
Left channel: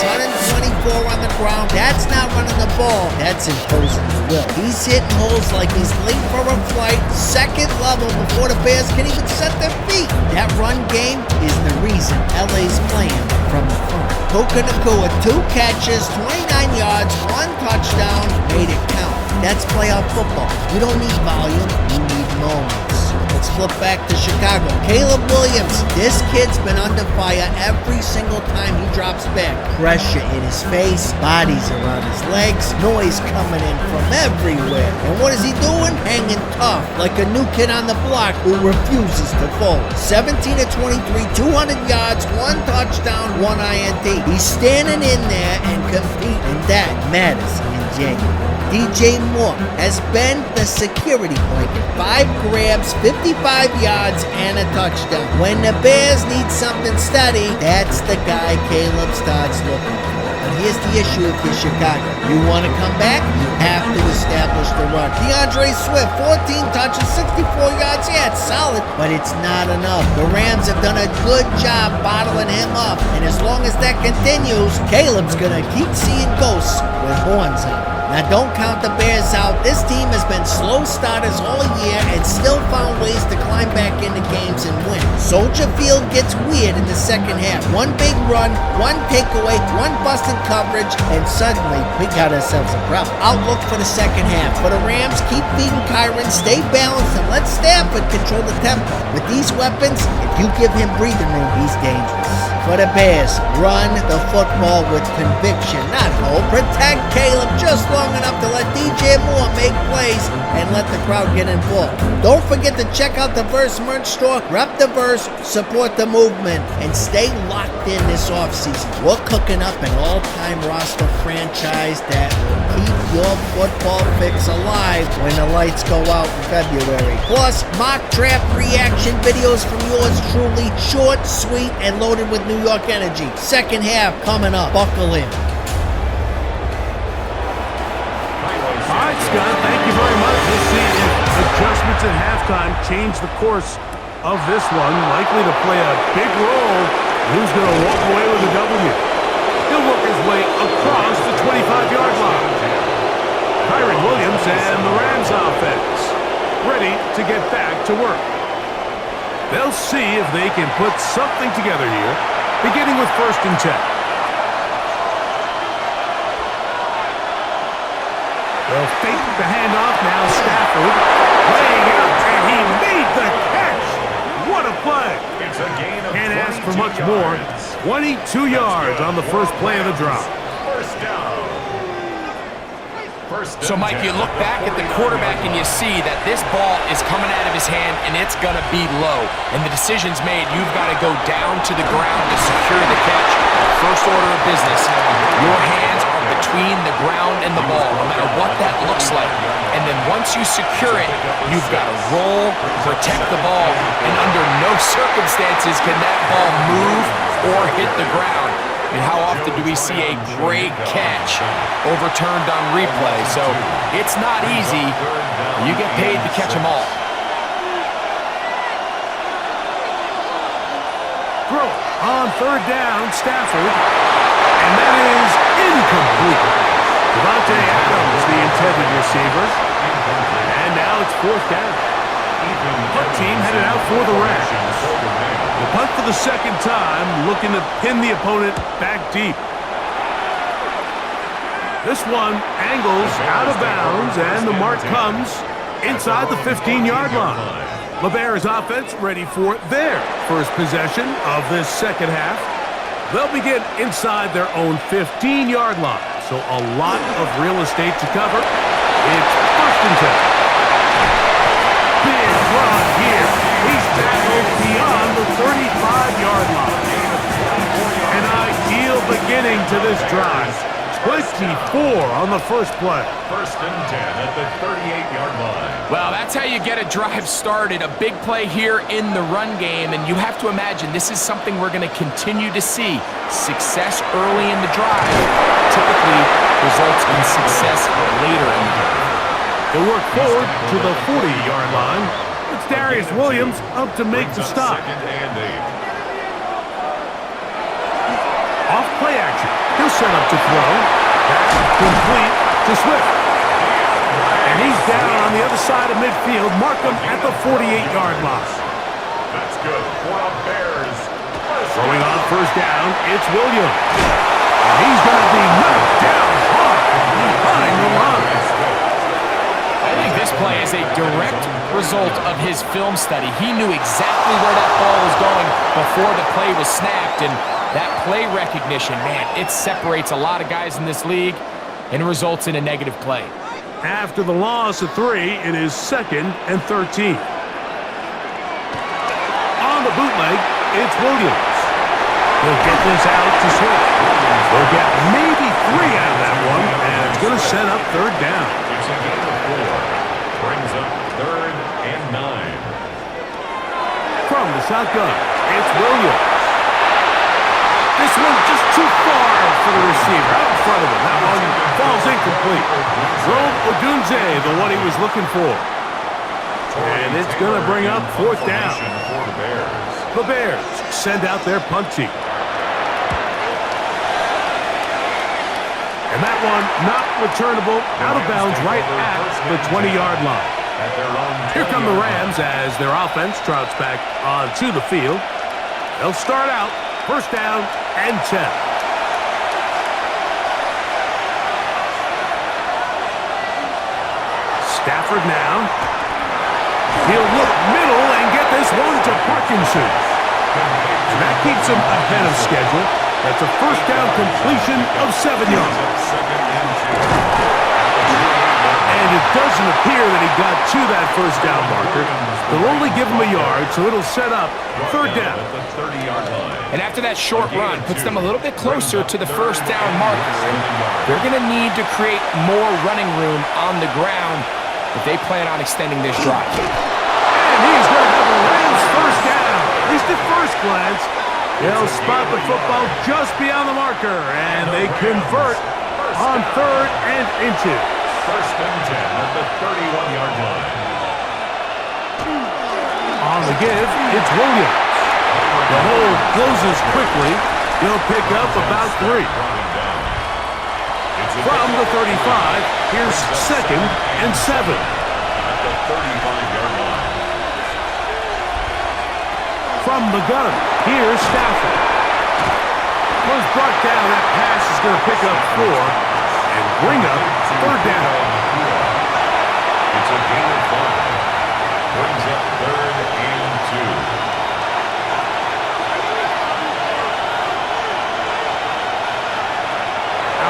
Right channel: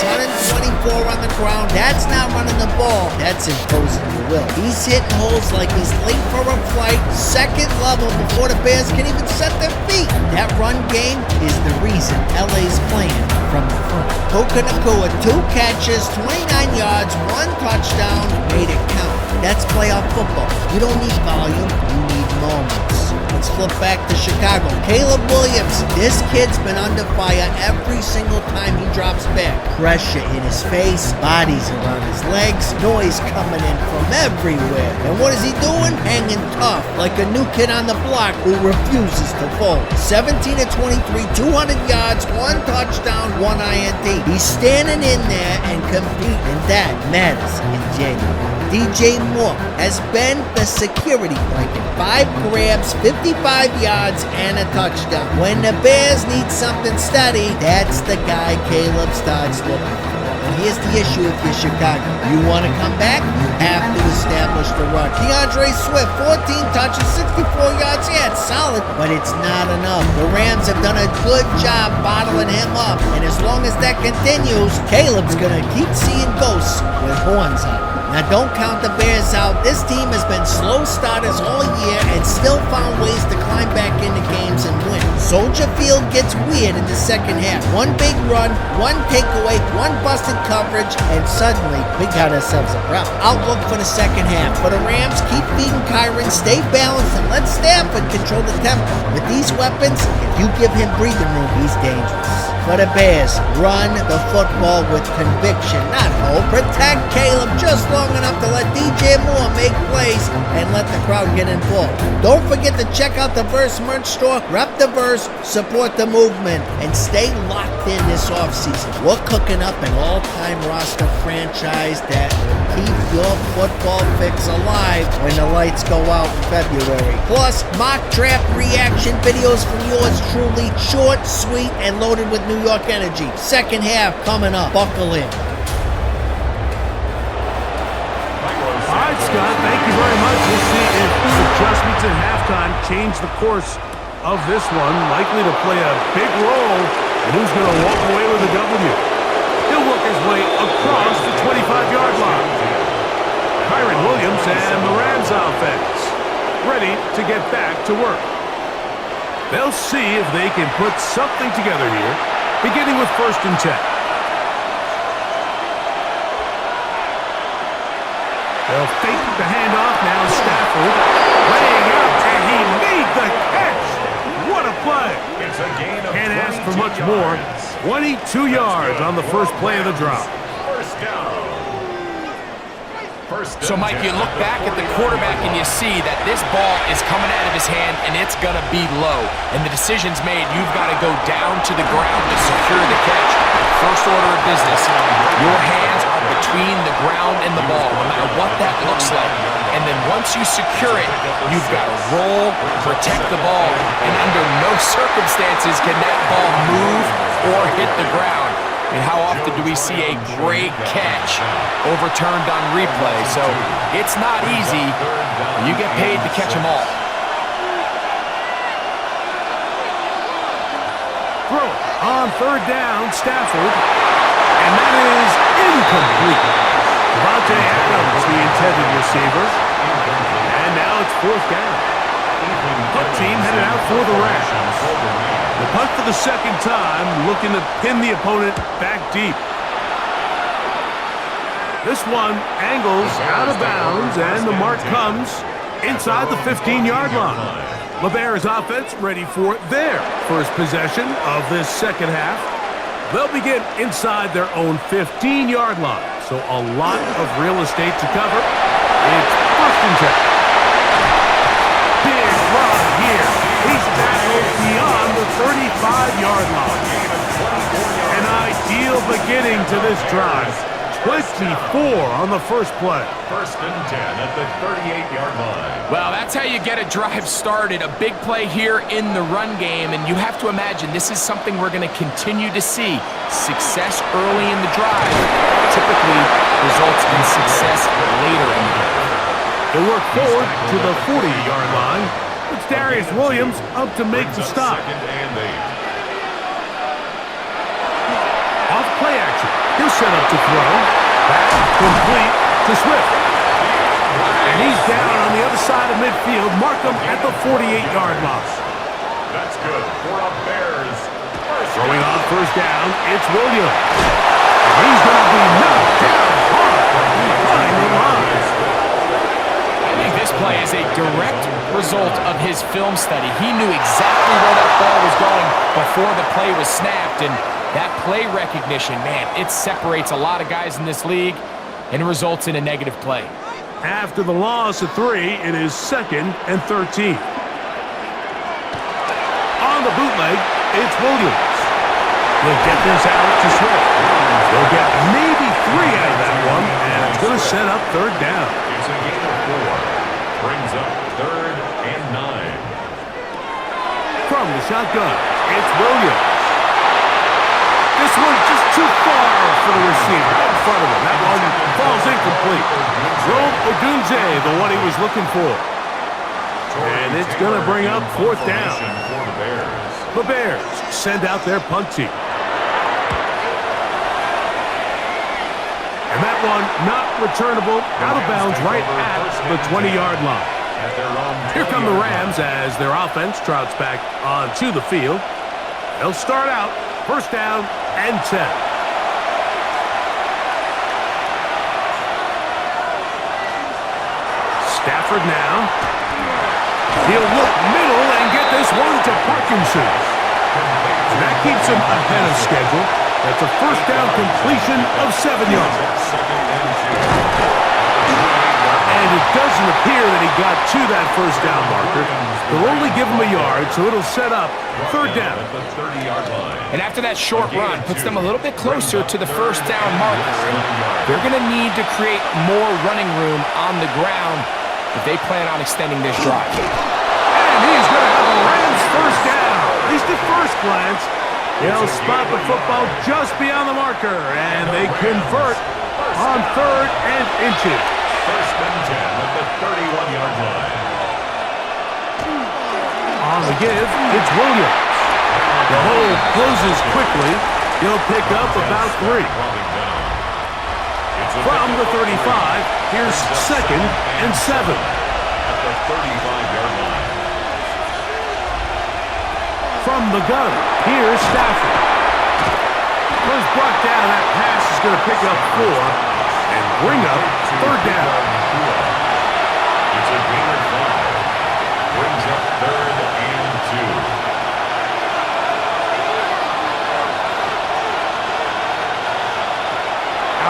124 on the ground. That's not running the ball. That's imposing the will. He's hitting holes like he's late for a flight, second level before the Bears can even set their feet. That run game is the reason LA's playing from the front. Puka Nacua, 2 catches, 29 yards, 1 touchdown, made it count. That's playoff football. You don't need volume, you need moments. Let's flip back to Chicago. Caleb Williams, this kid's been under fire every single time he drops back. Pressure in his face, bodies around his legs, noise coming in from everywhere. And what is he doing? Hanging tough, like a new kid on the block who refuses to fold. 17 of 23, 200 yards, 1 touchdown, 1 INT. He's standing in there and competing, and that matters in January. DJ Moore has been the security blanket. 5 grabs, 55 yards, and a touchdown. When the Bears need something steady, that's the guy Caleb starts looking for. But here's the issue if you're Chicago. You want to come back, you have to establish the run. DeAndre Swift, 14 touches, 64 yards. Yeah, it's solid, but it's not enough. The Rams have done a good job bottling him up, and as long as that continues, Caleb's going to keep seeing ghosts with horns on. Now, don't count the Bears out. This team has been slow starters all year and still found ways to climb back into games and win. Soldier Field gets weird in the second half. 1 big run, 1 takeaway, 1 busted coverage, and suddenly we got ourselves a problem. Outlook for the second half. For the Rams, keep feeding Kyren, stay balanced, and let Stafford control the tempo. With these weapons, if you give him breathing room, he's dangerous. For the Bears, run the football with conviction, not hope. Protect Caleb just long enough to let DJ Moore make plays and let the crowd get involved. Don't forget to check out the Verse merch store. Rep the Verse, support the movement, and stay locked in this offseason. We're cooking up an all-time roster franchise that will keep your football fix alive when the lights go out in February. Plus, mock draft reaction videos from yours truly, short, sweet, and loaded with New York energy. Second half coming up. Buckle in. All right, Scott, thank you very much. We'll see if adjustments at halftime change the course of this one. Likely to play a big role in who's going to walk away with a W. He'll work his way across the 25-yard line. Kyren Williams and the Rams offense ready to get back to work. They'll see if they can put something together here, beginning with 1st and 10. They'll fake the handoff. Now Stafford laying out, and he made the catch. What a play. It's a gain of Can't ask for much yards. more. 22 yards on the first play of the drop. First down. So, Mike, you look back at the quarterback and you see that this ball is coming out of his hand and it's going to be low. And the decision's made. You've got to go down to the ground to secure the catch. First order of business. Your hands are between the ground and the ball, no matter what that looks like. And then once you secure it, you've got to roll, protect the ball, and under no circumstances can that ball move or hit the ground. And how often do we see a great catch overturned on replay? So it's not easy. You get paid to catch them all. Throw on third down, Stafford. And that is incomplete. Devontae Adams, the intended receiver. And now it's fourth down. Punt team headed out for the Rams. The punt for the second time, looking to pin the opponent back deep. This one angles out of bounds, and the mark comes inside the 15-yard line. LeBear's offense ready for their first possession of this second half. They'll begin inside their own 15-yard line, so a lot of real estate to cover. It's first and 10. Big run here. He's tackled beyond the 35-yard line. An ideal beginning to this drive. 24 on the first play. First and 10 at the 38-yard line. Well, that's how you get a drive started. A big play here in the run game, and you have to imagine this is something we're going to continue to see. Success early in the drive typically results in success later in the drive. He'll work forward to the 40-yard line. It's Darius Williams up to make the stop. Second and 8. Off play action. He'll set up to throw. Back complete to Swift. And he's down on the other side of midfield. Mark him at the 48-yard line. That's good for a Bears. Throwing on first down, it's Williams. And he's going to be knocked down hard behind the line. I think this play is a direct result of his film study. He knew exactly where that ball was going before the play was snapped, and that play recognition, man, it separates a lot of guys in this league and results in a negative play. After the loss of 3, it is second and 13. On the bootleg, it's Williams. He'll get this out to Swift. They'll get maybe 3 out of that one, and it's going to set up third down. It's a gain of 4. Brings up third and 9. From the shotgun, it's Williams. This one just too far for the receiver, out in front of him. That one falls incomplete. Rome Odunze, the one he was looking for. And it's going to bring up fourth down. For the Bears. The Bears send out their punt team. And that one not returnable, out of bounds right at the 20-yard line. Here come the Rams as their offense trots back onto the field. They'll start out first down and 10. Stafford now. He'll look middle and get this one to Parkinson. And that keeps him ahead of schedule. That's a first down completion of 7 yards. And it doesn't appear that he got to that first down marker. They'll only give him a yard, so it'll set up third down. And after that short run, puts them a little bit closer to the first down marker. And they're going to need to create more running room on the ground if they plan on extending this drive. And he's going to have a Rams first down. At least at first glance. They'll spot the football just beyond the marker, and they convert on third and inches. First and 10 at the 31-yard line. On the give, it's Williams. The hole closes quickly. He'll pick up about 3. From the 35, here's second and 7. At the 35-yard line. From the gun, here's Stafford. Was brought down. That pass is going to pick up 4 and bring up third down. It's a gain of 5. Brings up third and 2.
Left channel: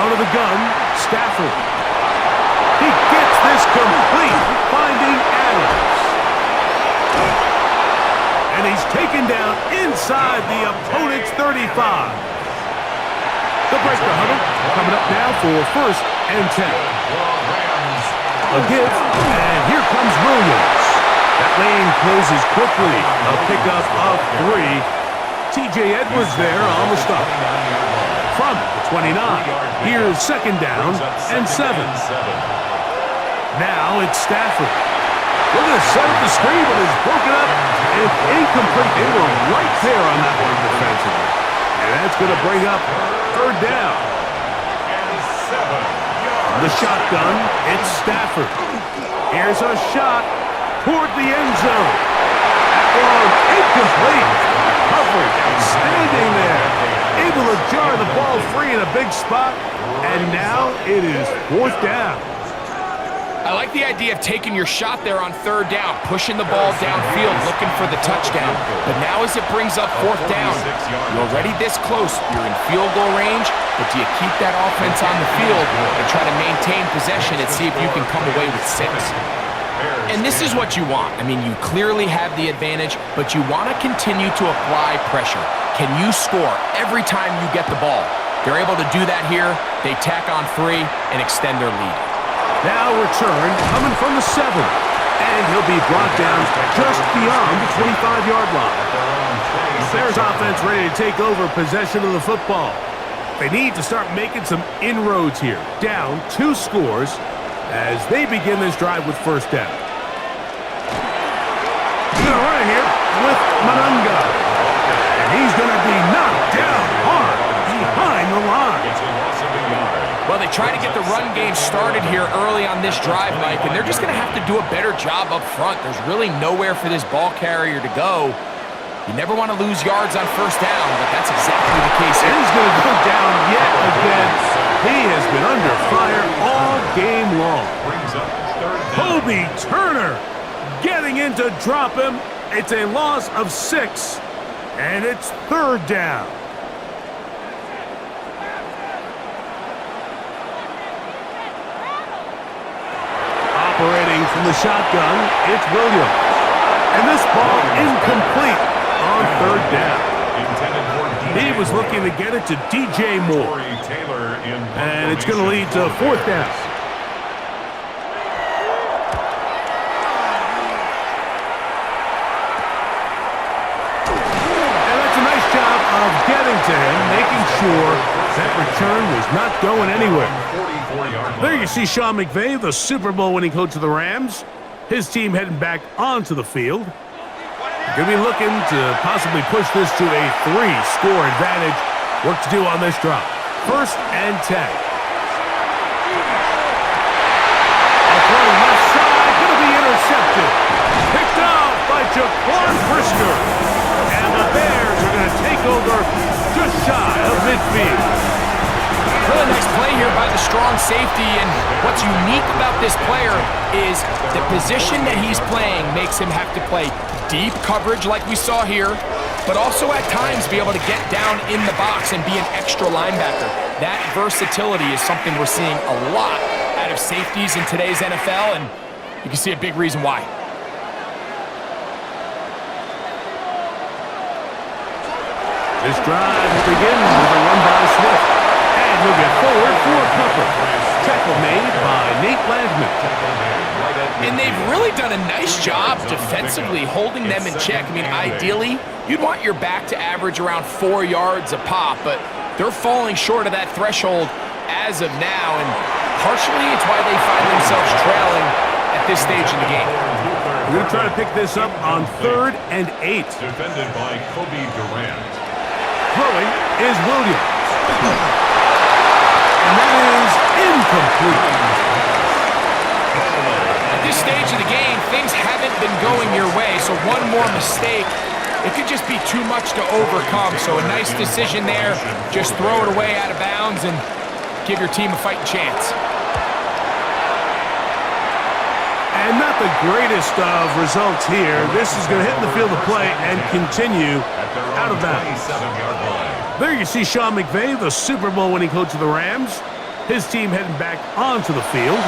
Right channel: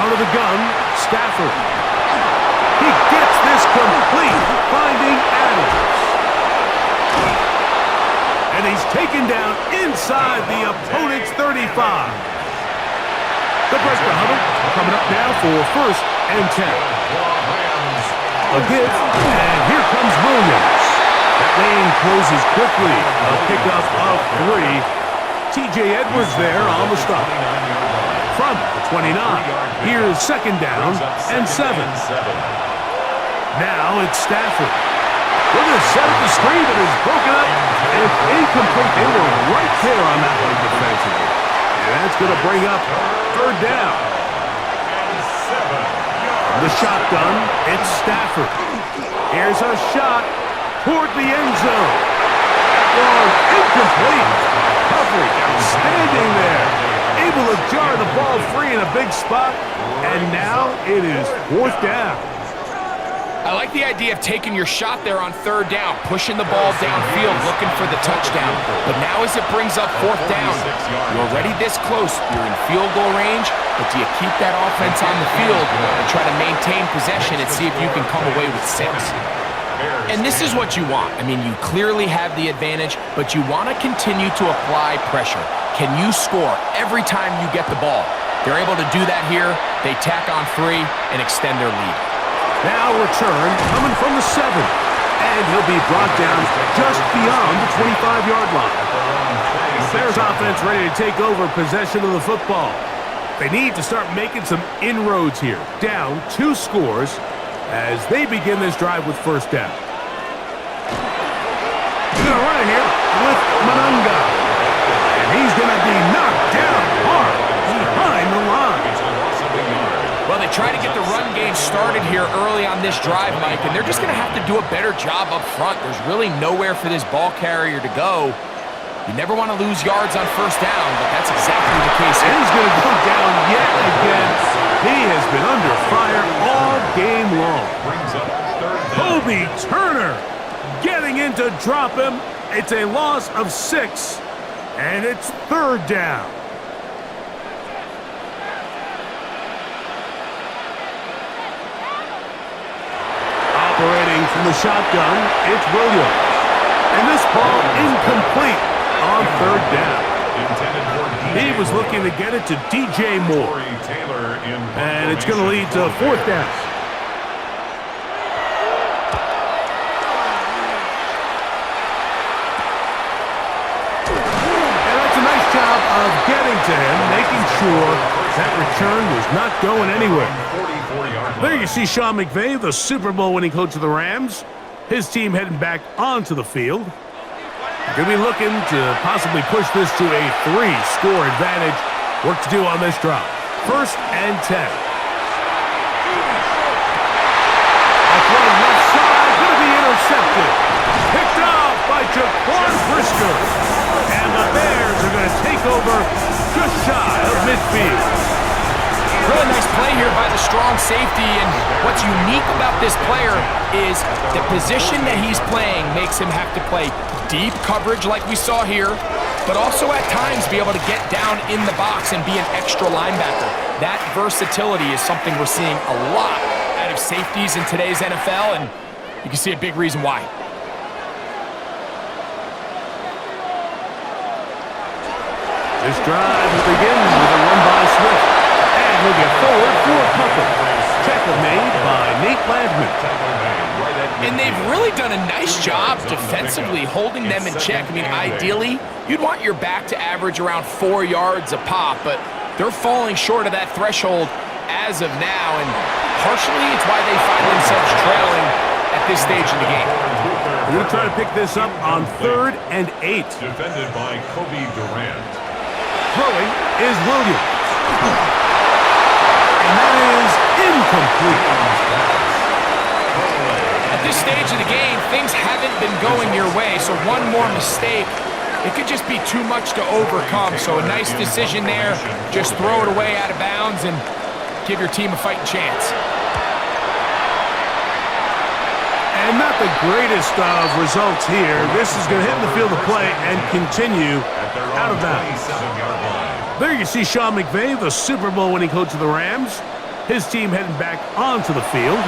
Out of the gun, Stafford. He gets this complete, finding Adams. And he's taken down inside the opponent's 35. The break the huddle coming up now for first and 10. A give, and here comes Williams. That lane closes quickly. A pickup of 3. T.J. Edwards there on the stop. from the 29. Here's second down and 7. Now it's Stafford. We're going to set up the screen, but it's broken up and it's incomplete. They were right there on that one defensively. And that's going to bring up third down. From the shotgun, it's Stafford. Here's a shot toward the end zone. That one incomplete. Coverage outstanding there. Able to jar the ball free in a big spot. And now it is fourth down. I like the idea of taking your shot there on third down, pushing the ball downfield, looking for the touchdown. But now as it brings up fourth down, you're already this close. You're in field goal range, but do you keep that offense on the field and try to maintain possession and see if you can come away with 6? And this is what you want. I mean, you clearly have the advantage, but you want to continue to apply pressure. Can you score every time you get the ball? They're able to do that here. They tack on 3 and extend their lead. Now return coming from the 7. And he'll be brought down just beyond the 25-yard line. The Bears offense ready to take over possession of the football. They need to start making some inroads here. Down 2 scores as they begin this drive with first down. He's going to run it here with Manunga. And he's going to be knocked down hard behind the line. Well, they try to get the run game started here early on this drive, Mike, and they're just going to have to do a better job up front. There's really nowhere for this ball carrier to go. You never want to lose yards on first down, but that's exactly the case here. And he's going to go down yet again. He has been under fire all game long. Kobe Turner getting in to drop him. It's a loss of 6, and it's third down. Operating from the shotgun, it's Williams. And this ball incomplete on third down. He was looking to get it to DJ Moore. And it's going to lead to fourth down. And that's a nice job of getting to him, making sure that return was not going anywhere. There you see Sean McVay, the Super Bowl winning coach of the Rams. His team heading back onto the field. They're going to be looking to possibly push this to a 3-score advantage. Work to do on this drive. First and 10. A throw left side, going to be intercepted. Picked off by Jaquan Brisker. And the Bears are going to take over just shy of midfield. Really nice play here by the strong safety, and what's unique about this player is the position that he's playing makes him have to play deep coverage like we saw here, but also at times be able to get down in the box and be an extra linebacker. That versatility is something we're seeing a lot out of safeties in today's NFL, and you can see a big reason why. This drive will begin with a run by Swift. And he'll get forward for a couple. Tackle made by Nate Landman. And they've really done a nice job defensively holding them in check. I mean, ideally, you'd want your back to average around 4 yards a pop, but they're falling short of that threshold as of now, and partially it's why they find themselves trailing at this stage in the game. We're going to try to pick this up on 3rd and 8. Defended by Kobe Durant. Throwing is Williams. And that is incomplete. At this stage of the game, things haven't been going your way, so one more mistake, it could just be too much to overcome. So a nice decision there. Just throw it away out of bounds and give your team a fighting chance. And not the greatest of results here. This is going to hit the field of play and continue out of bounds. There you see Sean McVay, the Super Bowl winning coach of the Rams. His team heading back onto the field.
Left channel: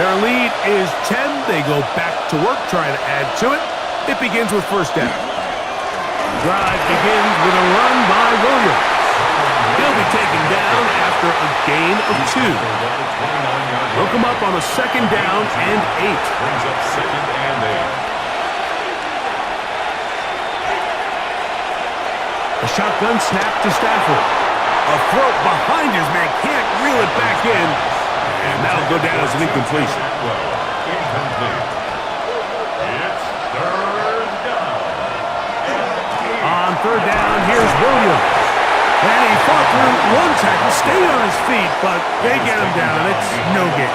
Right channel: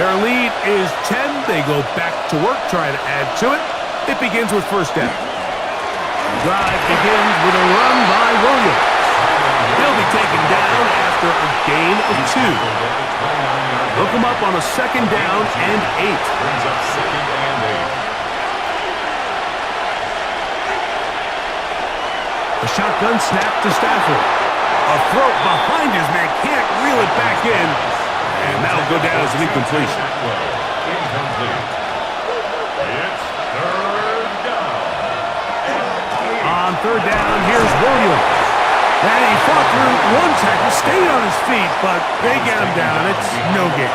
Their lead is 10. They go back to work, trying to add to it. It begins with first down. The drive begins with a run by Williams. He'll be taken down after a gain of 2. They'll come up on a second down and 8. Brings up second and 8. A shotgun snap to Stafford. A throw behind his man, can't reel it back in. And that'll go down as an incompletion. Incomplete. It's third down. On third down, here's Williams. And he fought through one tackle, stayed on his feet, but they get him down. It's no gain.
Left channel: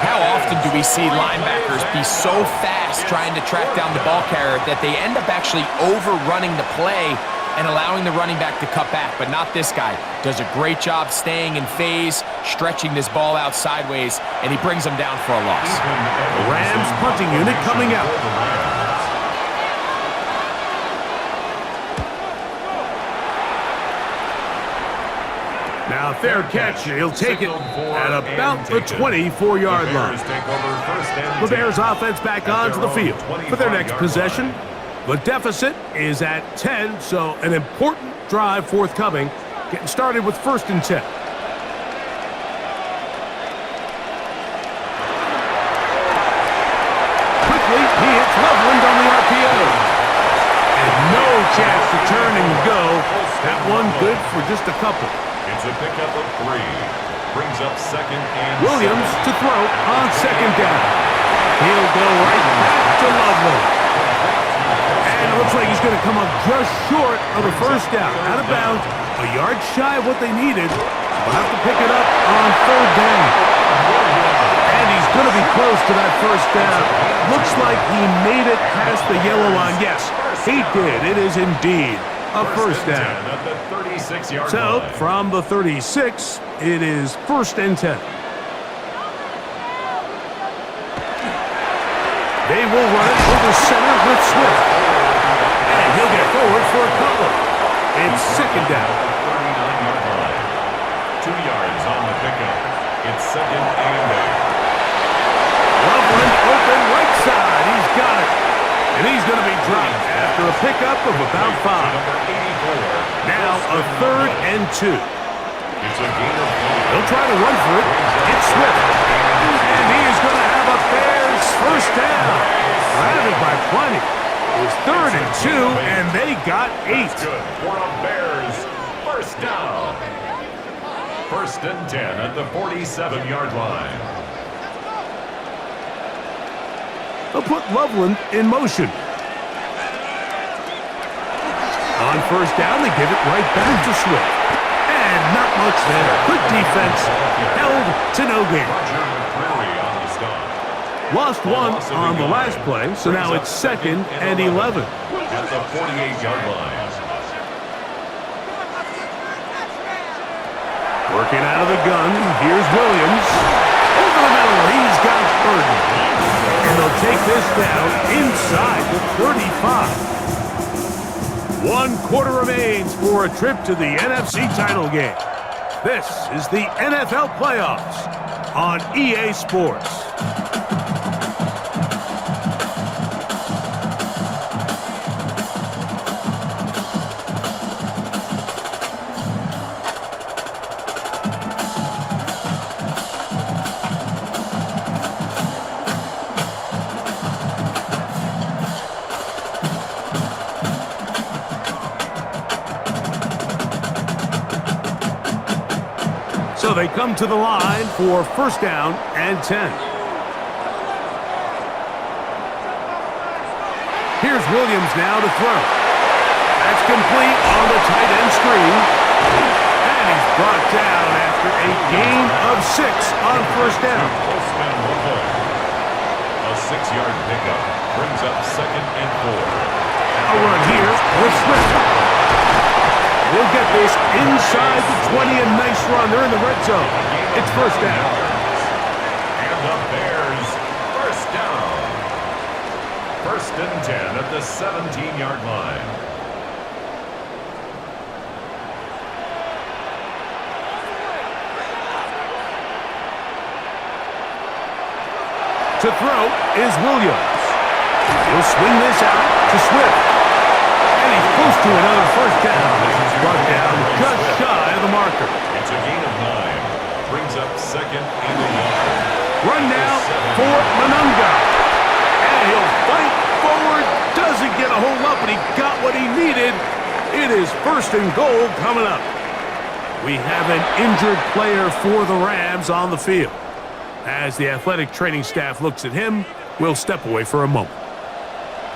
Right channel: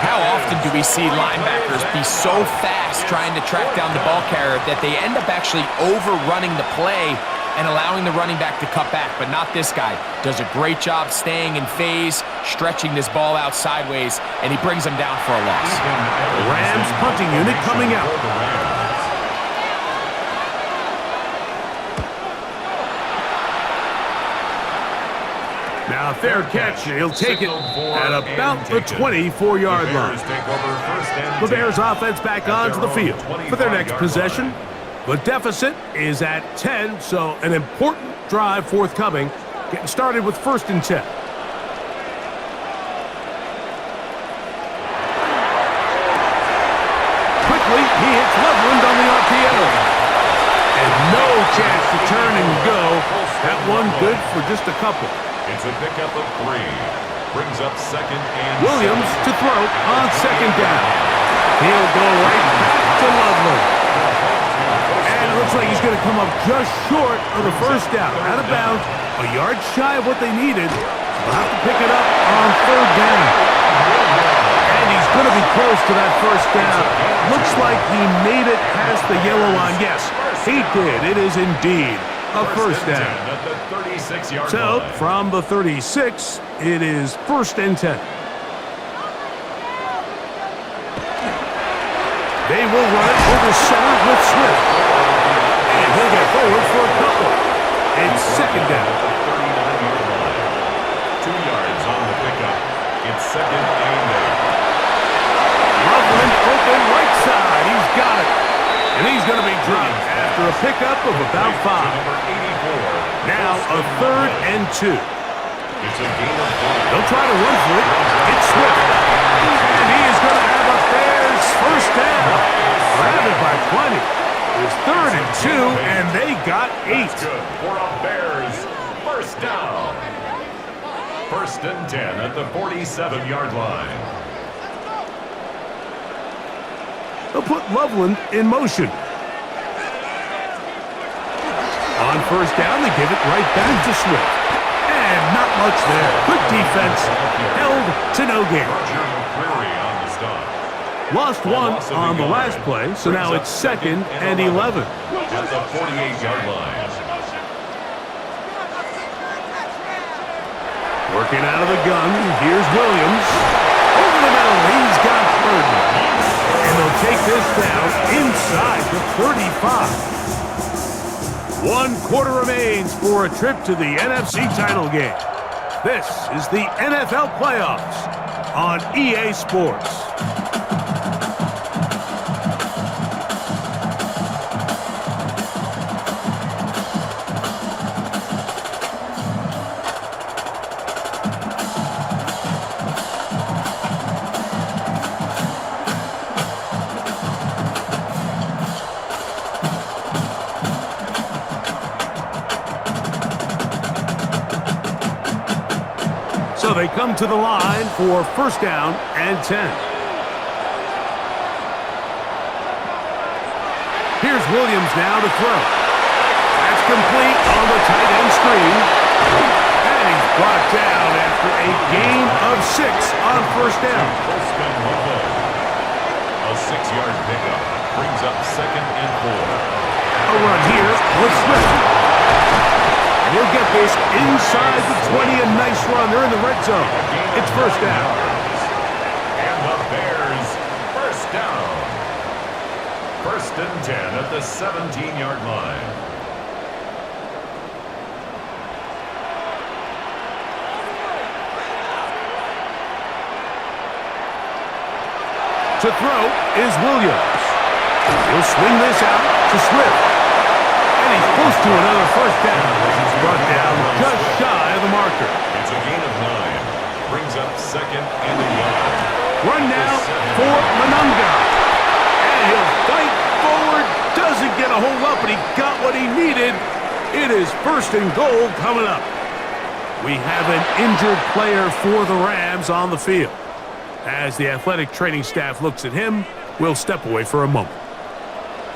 How often do we see linebackers be so fast trying to track down the ball carrier that they end up actually overrunning the play and allowing the running back to cut back? But not this guy. Does a great job staying in phase, stretching this ball out sideways, and he brings them down for a loss. The Rams punting unit coming out. Now, fair catch. He'll take it at about the 24-yard line. The Bears offense back onto the field for their next possession. The deficit is at 10, so an important drive forthcoming. Getting started with 1st and 10. Quickly, he hits Loveland on the RPO. And no chance to turn and go. That one good for just a couple. It's a pickup of 3. Brings up 2nd and Williams 7. to throw on 2nd down. He'll go right back to Loveland. And it looks like he's going to come up just short of the 1st down. Out of bounds, a yard shy of what they needed. They'll have to pick it up on 3rd down. And he's going to be close to that 1st down. Looks like he made it past the yellow line. Yes, he did. It is indeed a 1st down. At the 36-yard So, line. from the 36, it is 1st and 10. They will run it over center with Swift. And he'll get forward for a couple. It's 2nd down. At the 39-yard line. 2 yards on the pickup. It's 2nd and 8. Loveland open right side. He's got it. And he's going to be dropped after a pickup of about 5. Number 84. Now a 3rd and 2. It's a gain of 5. They'll try to run for it. It's Swift. And he is going to have a Bears 1st down. Routed by 20. It's 3rd and 2, and they got 8. That's good for a Bears 1st down. 1st and 10 at the 47-yard line. They'll put Loveland in motion. On 1st down, they give it right back to Swift. And not much there. Good defense. Held to no gain. Roger McCreary on the stop. Lost one on the last play, so now it's 2nd and 11. At the 48-yard line. Working out of the gun, here's Williams. Over the middle, he's got Burden. And they'll take this down inside the 35. 1 quarter remains for a trip to the NFC title game. This is the NFL playoffs on EA Sports. So they come to the line for 1st down and 10. Here's Williams now to throw. That's complete on the tight end screen. And he's brought down after a gain of 6 on 1st down. A 6-yard pickup brings up 2nd and 4. A run here with Swift. He'll get this inside the 20, a nice run. They're in the red zone. It's 1st down. And the Bears 1st down. 1st and 10 at the 17-yard line. To throw is Williams. He'll swing this out to Swift. And he's close to another 1st down. He's brought down just shy of the marker. It's a gain of 9. Brings up 2nd and a yard. Run now for Monunga. And he'll fight forward. Doesn't get a whole lot, but he got what he needed. It is 1st and goal coming up. We have an injured player for the Rams on the field. As the athletic training staff looks at him, we'll step away for a moment.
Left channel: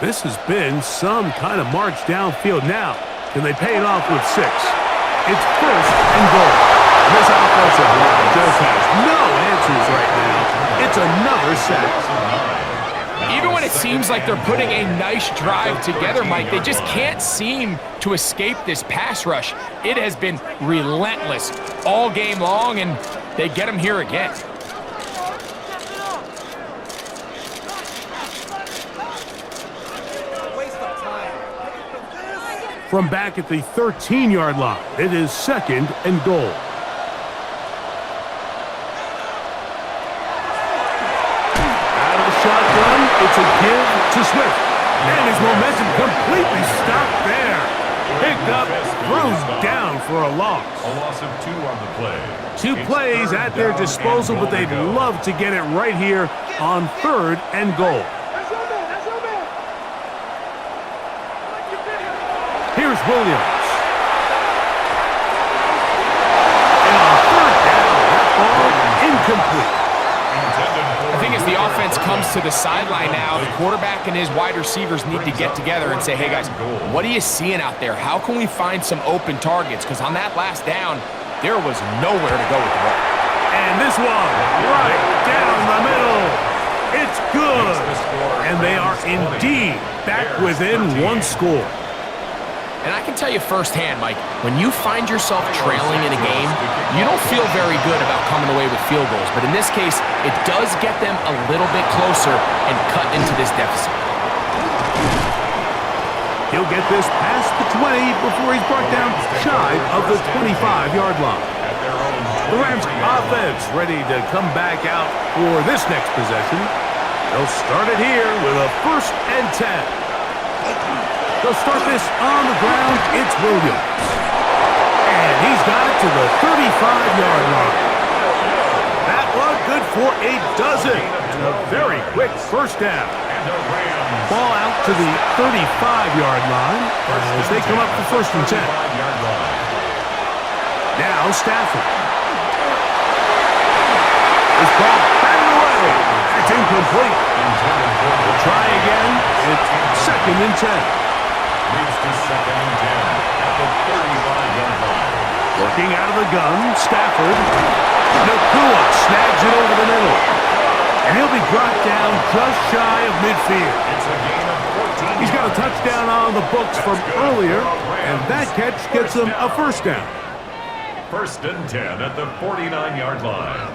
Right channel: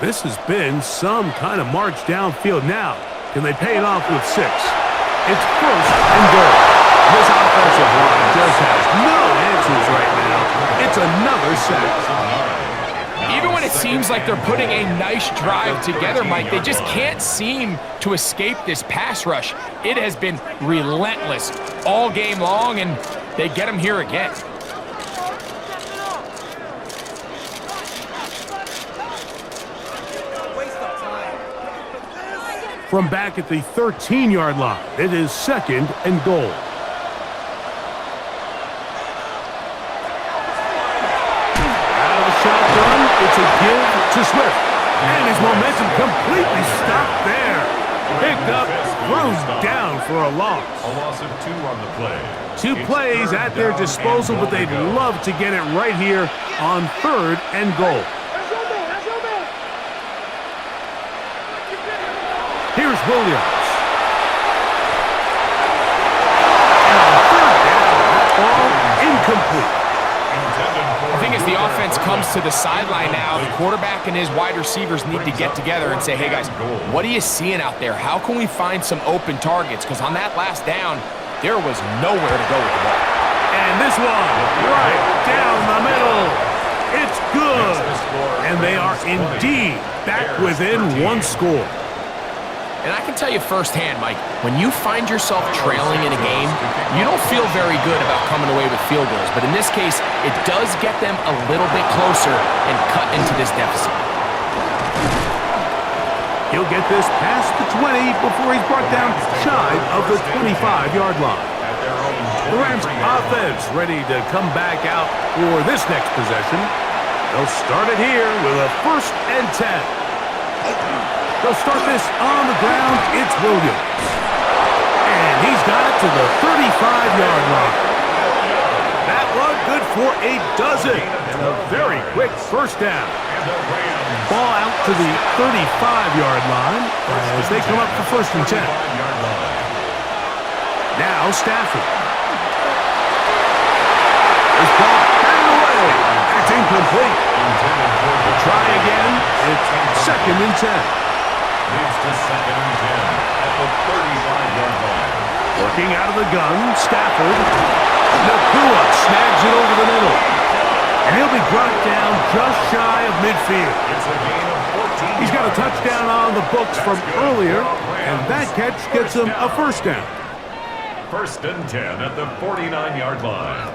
This has been some kind of march downfield now. Can they pay it off with 6? It's 1st and goal. This offensive line just has no answers right now. It's another sack. Even when it seems like they're putting a nice drive together, Mike, they just can't seem to escape this pass rush. It has been relentless all game long, and they get them here again. From back at the 13-yard line, it is 2nd and goal. Out of the shotgun, it's a give to Swift. And his momentum completely stopped there. Picked up, thrown down for a loss. A loss of 2 on the play. 2 plays at their disposal, but they'd love to get it right here on 3rd and goal. Here's Williams. And on 3rd down, that ball incomplete. I think as the offense comes to the sideline now, the quarterback and his wide receivers need to get together and say, hey guys, what are you seeing out there? How can we find some open targets? Because on that last down, there was nowhere to go with the ball. And this one, right down the middle. It's good. And they are indeed back within 1 score. And I can tell you firsthand, Mike, when you find yourself trailing in a game, you don't feel very good about coming away with field goals. But in this case, it does get them a little bit closer and cut into this deficit. He'll get this past the 20 before he's brought down shy of the 25-yard line. The Rams offense ready to come back out for this next possession. They'll start it here with a 1st and 10. They'll start this on the ground. It's Williams. And he's got it to the 35-yard line. That one good for a dozen. And a very quick 1st down. Ball out to the 35-yard line as they come up for 1st and 10. Now Stafford. This ball batted away. That's incomplete. We'll try again. It's 2nd and 10. Leads to 2nd and 10 at the 35-yard line. Working out of the gun, Stafford. Nakua snags it over the middle. And he'll be brought down just shy of midfield. It's a gain of 14. He's got a touchdown on the books from earlier, and that catch gets him a 1st down. 1st and 10 at the 49-yard line.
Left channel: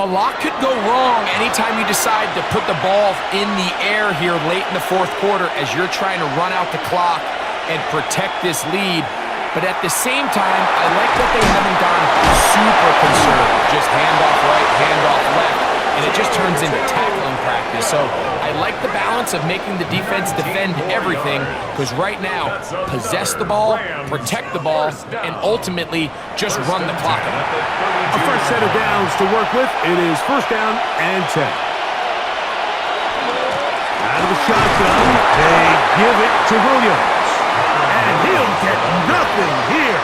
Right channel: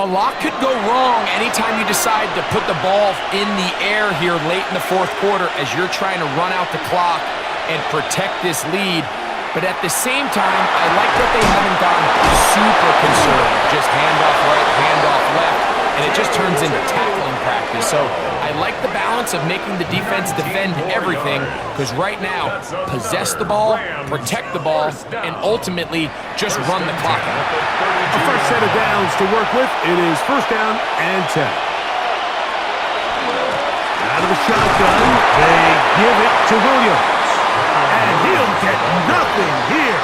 A lot could go wrong anytime you decide to put the ball in the air here late in the 4th quarter as you're trying to run out the clock and protect this lead. But at the same time, I like that they haven't gone super conservative. Just handoff right, handoff left, and it just turns into tackling practice. So I like the balance of making the defense defend everything, because right now, possess the ball, protect the ball, and ultimately just run the clock out. A fresh set of downs to work with. It is 1st down and 10. Out of the shotgun, they give it to Williams. And he'll get nothing here.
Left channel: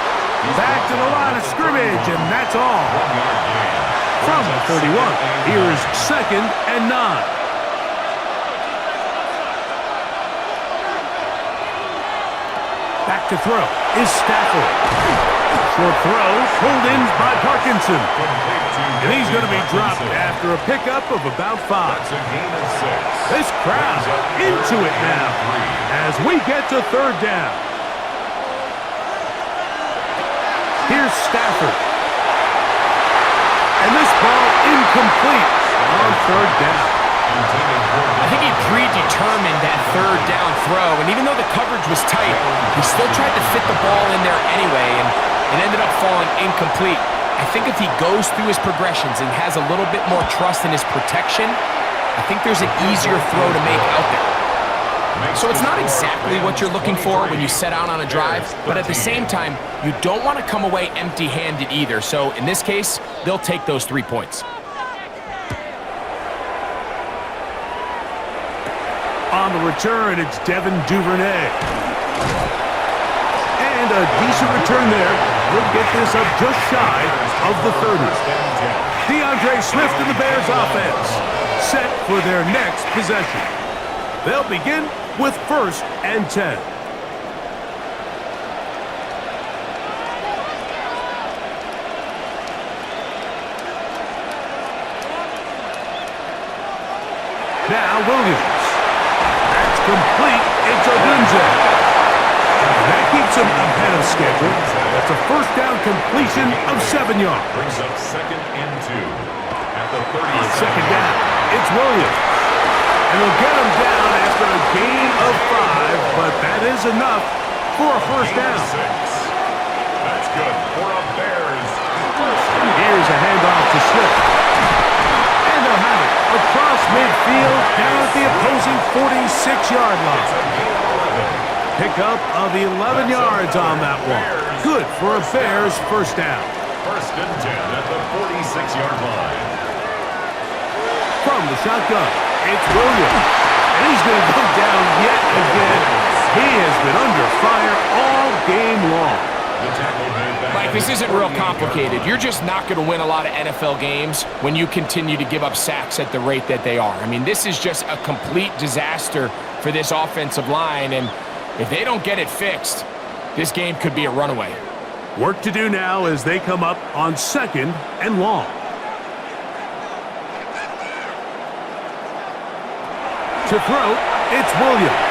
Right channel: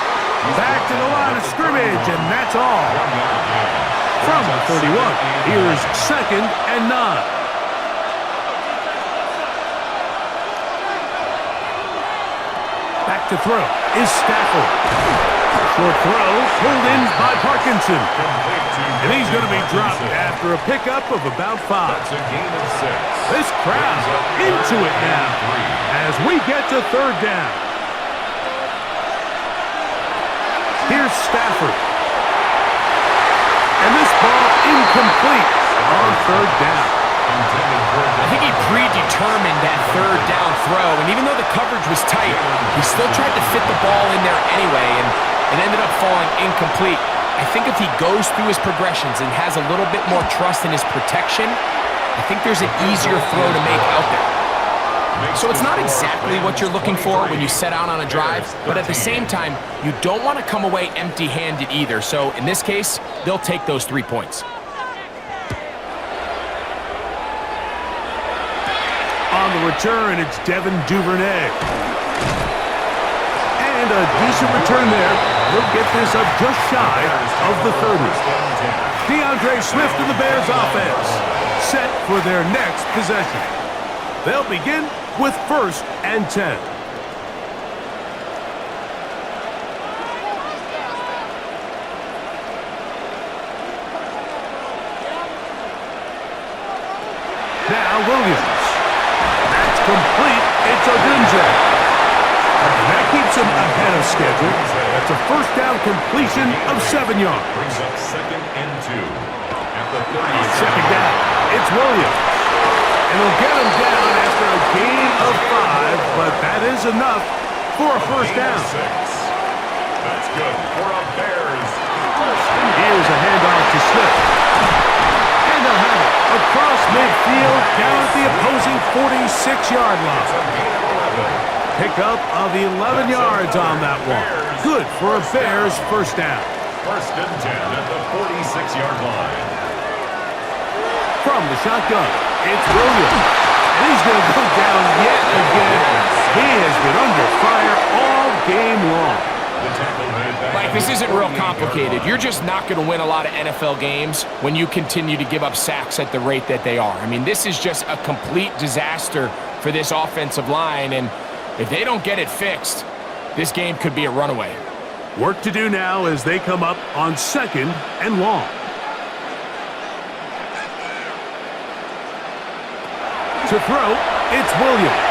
Back to the line of scrimmage, and that's all. From the 31, here's 2nd and 9. Back to throw is Stafford. Short throw, pulled in by Parkinson. And he's going to be dropped after a pickup of about 5. That's a gain of 6. This crowd into it now as we get to 3rd down. Here's Stafford. And this ball incomplete on 3rd down. I think he predetermined that 3rd down throw, and even though the coverage was tight, he still tried to fit the ball in there anyway, and it ended up falling incomplete. I think if he goes through his progressions and has a little bit more trust in his protection, I think there's an easier throw to make out there. So it's not exactly what you're looking for when you set out on a drive, but at the same time, you don't want to come away empty-handed either. So in this case, they'll take those 3 points. On the return, it's Devin Duvernay. And And a decent return there. He'll get this up just shy of the 30. DeAndre Swift and the Bears offense set for their next possession. They'll begin with 1st and 10. Now Williams. That's complete. It's Odunze. And that keeps him ahead of schedule. That's a first down completion of 7 yards. Brings up 2nd and 2 at the 30. On 2nd down, it's Williams. And they'll get him down after a gain of 5, but that is enough for a first down. 6. That's good for a Bears first down. Here's a handoff to Swift. And they'll have it across midfield down at the opposing 46-yard line. It's a gain of 11. Pickup of 11 yards on that one. Good for a Bears first down. 1st and 10 at the 46-yard line. From the shotgun, it's Williams. And he's going to go down yet again. He has been under fire all game long. Mike, this isn't real complicated. You're just not going to win a lot of NFL games when you continue to give up sacks at the rate that they are. I mean, this is just a complete disaster for this offensive line, and if they don't get it fixed, this game could be a runaway. Work to do now as they come up on 2nd and long. To throw, it's Williams.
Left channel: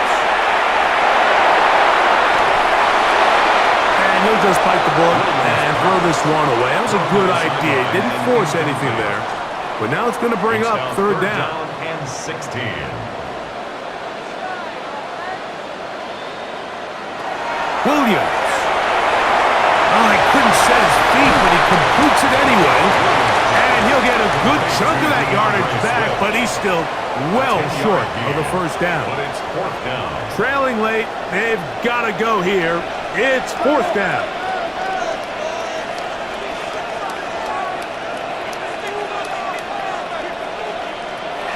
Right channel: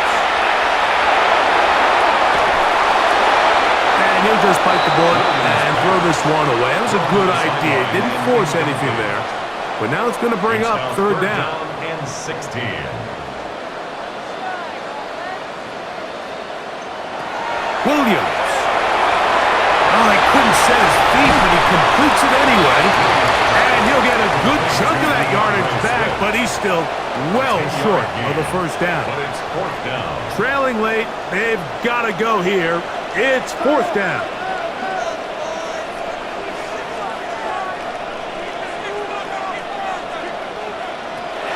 And he'll just bite the bullet and throw this one away. That was a good idea. He didn't force anything there. But now it's going to bring up 3rd down. And 16. Williams. Oh, he couldn't set his feet, but he completes it anyway. And he'll get a good chunk of that yardage back, but he's still well short of the first down. But it's 4th down. Trailing late, they've got to go here. It's 4th down.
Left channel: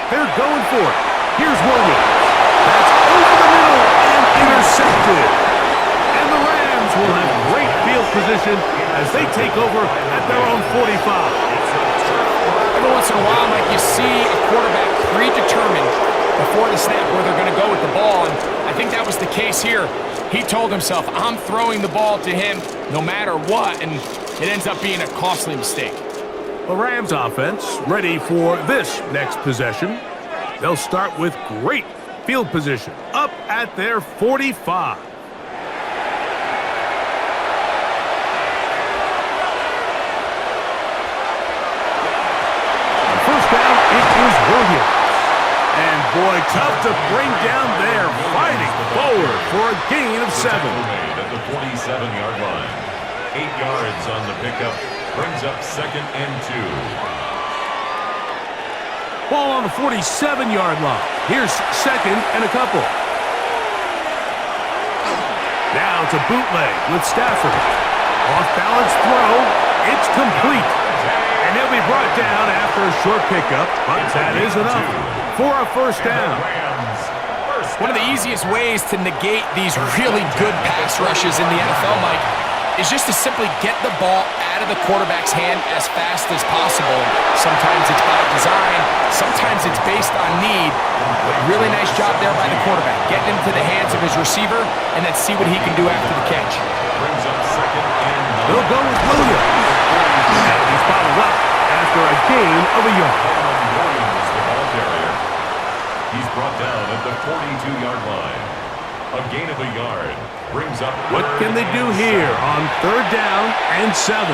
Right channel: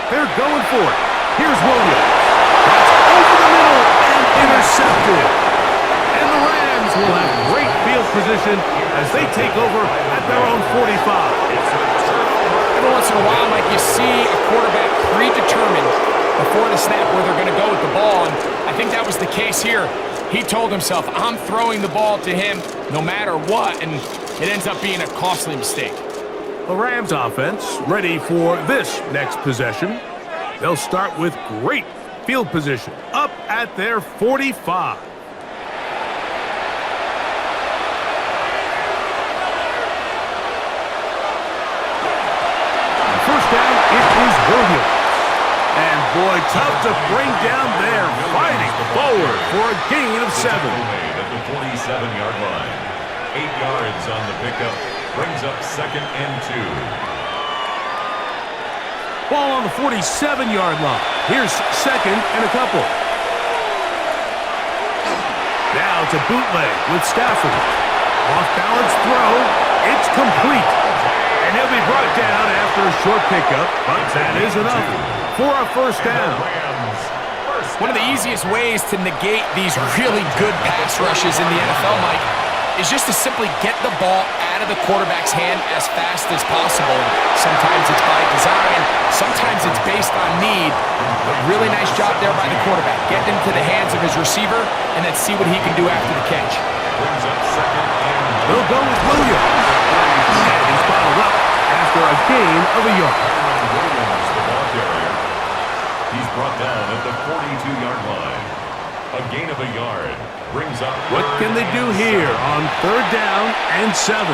They're going for it. Here's Williams. That's over the middle and intercepted. And the Rams will have great field position as they take over at their own 45. Every once in a while, Mike, you see a quarterback predetermined before the snap where they're going to go with the ball, and I think that was the case here. He told himself, I'm throwing the ball to him no matter what, and it ends up being a costly mistake. The Rams offense ready for this next possession. They'll start with great field position up at their 45. First down, it is Williams. And boy, tough to bring down there, fighting forward for a gain of 7. Made at the 47-yard line. 8 yards on the pickup, brings up 2nd and 2. Ball on the 47-yard line. Here's 2nd and a couple. Now it's a bootleg with Stafford. Off-balance throw. It's complete. And he'll be brought down after a short pickup, but that is enough for a first down. One of the easiest ways to negate these really good pass rushes in the NFL, Mike, is just to simply get the ball out of the quarterback's hand as fast as possible. Sometimes it's by design, sometimes it's based on need, but really nice job there by the quarterback. Get him to the hands of his receiver and then see what he can do after the catch. Brings up 2nd and 1. They'll go with Williams. And he's bottled up after a gain of a yard. Williams, the ball carrier. He's brought down at the 42-yard line. A gain of a yard brings up. What can they do here on 3rd down and 7?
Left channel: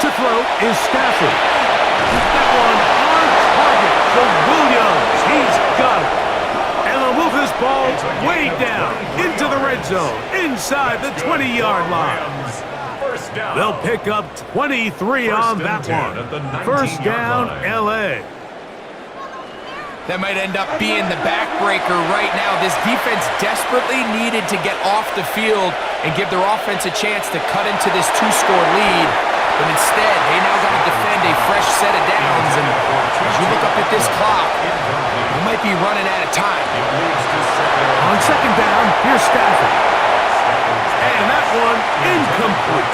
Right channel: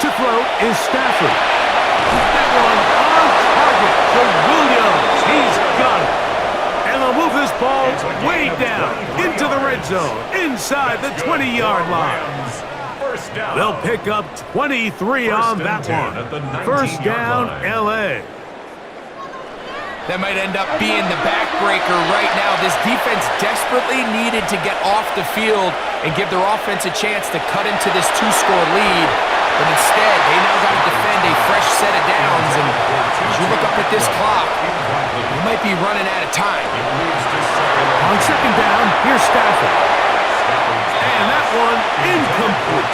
To throw is Stafford. That one on target to Williams. He's got it. And they'll move this ball way down into the red zone, inside the 20-yard line. They'll pick up 23 on that one. First down, L.A. That might end up being the backbreaker right now. This defense desperately needed to get off the field and give their offense a chance to cut into this 2-score lead. but instead they now got to defend a fresh set of downs, and as you look up at this clock, you might be running out of time. On second down, here's Stafford. And that one incomplete.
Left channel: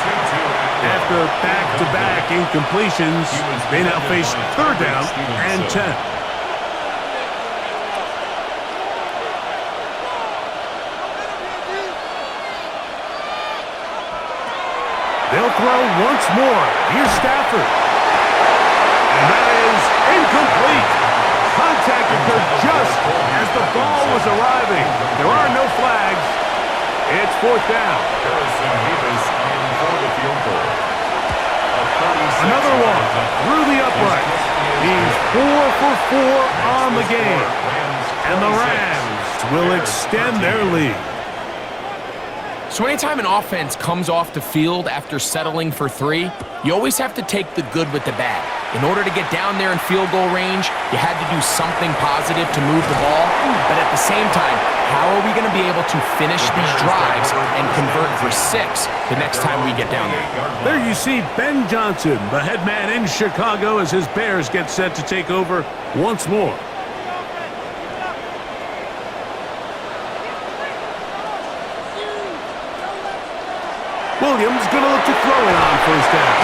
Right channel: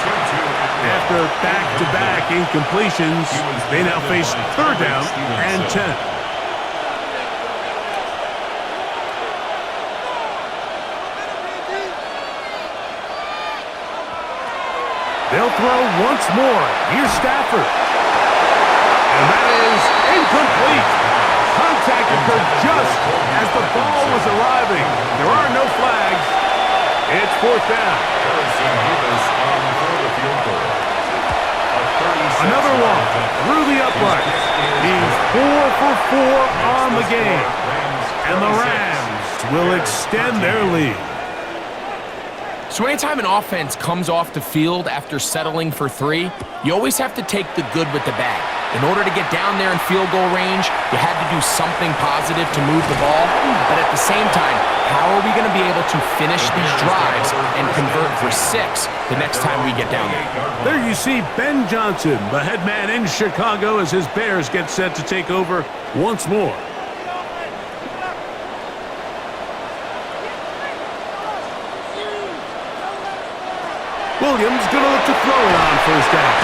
After back-to-back incompletions, they now face third down and 10. They'll throw once more. Here's Stafford. And that is incomplete. Contact occurred just as the ball was arriving. There are no flags. It's fourth down. Another one through the uprights. He's 4 for 4 on the game. And the Rams will extend their lead. So anytime an offense comes off the field after settling for 3, you always have to take the good with the bad. In order to get down there in field goal range, you had to do something positive to move the ball. But at the same time, how are we going to be able to finish these drives and convert for 6 the next time we get down there? There you see Ben Johnson, the head man in Chicago, as his Bears get set to take over once more. Williams going to look to throw it on first down.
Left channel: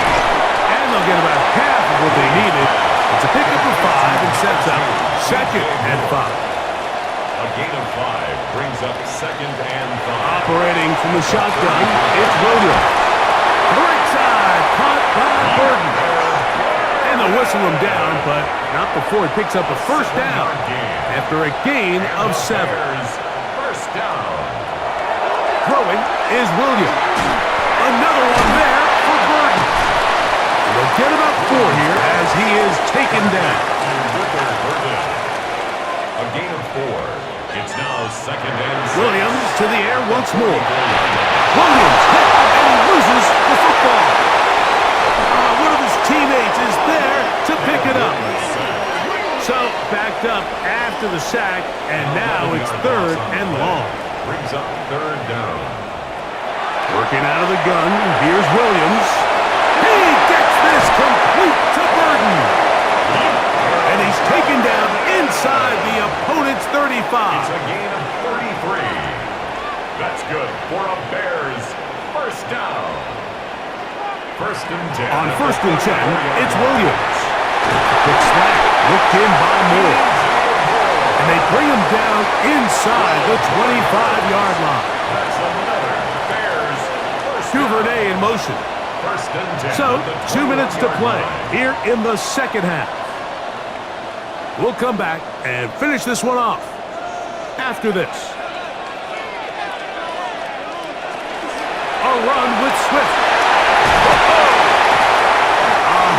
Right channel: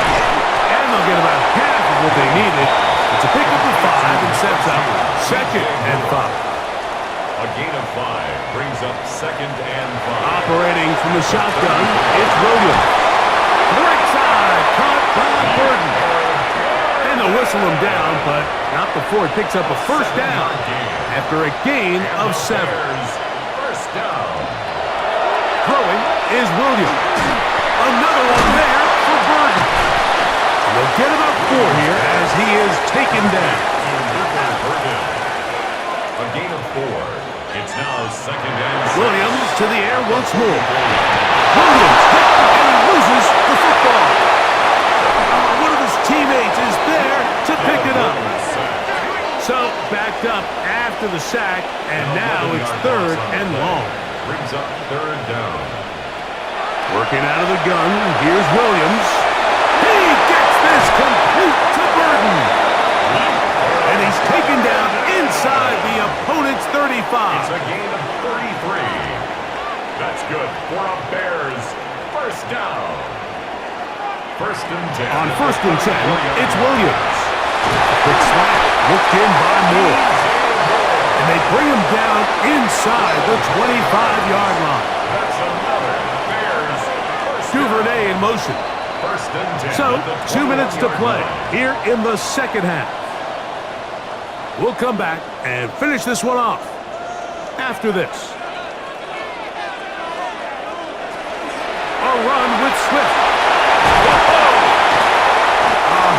And they'll get about half of what they needed. It's a pickup of 5 and sets up second and 5. A gain of 5 brings up second and 5. Operating from the shotgun, it's Williams. To the right side, caught by Burton. And they'll whistle him down, but not before it picks up a first down after a gain of 7. First down. Throwing is Williams. Another one there for Burton. And they'll get about 4 here as he is taken down. A gain of 4. It's now second and 6. Williams to the air once more. Williams hit, and he loses the football. One of his teammates is there to pick it up. So backed up after the sack, and now it's third and long. Brings up third down. Working out of the gun, here's Williams. He gets this complete to Burton. And he's taken down inside the opponent's 35. It's a gain of 33. That's good for a Bears first down. First and 10. On first and 10, it's Williams. A quick slant, looked in by Moore. And they bring him down inside the 25-yard line. That's another Bears first down. Duvernay in motion. First and 10. So, 2 minutes to play here in the second half. We'll come back and finish this one off after this. A run with Swift. Whoa!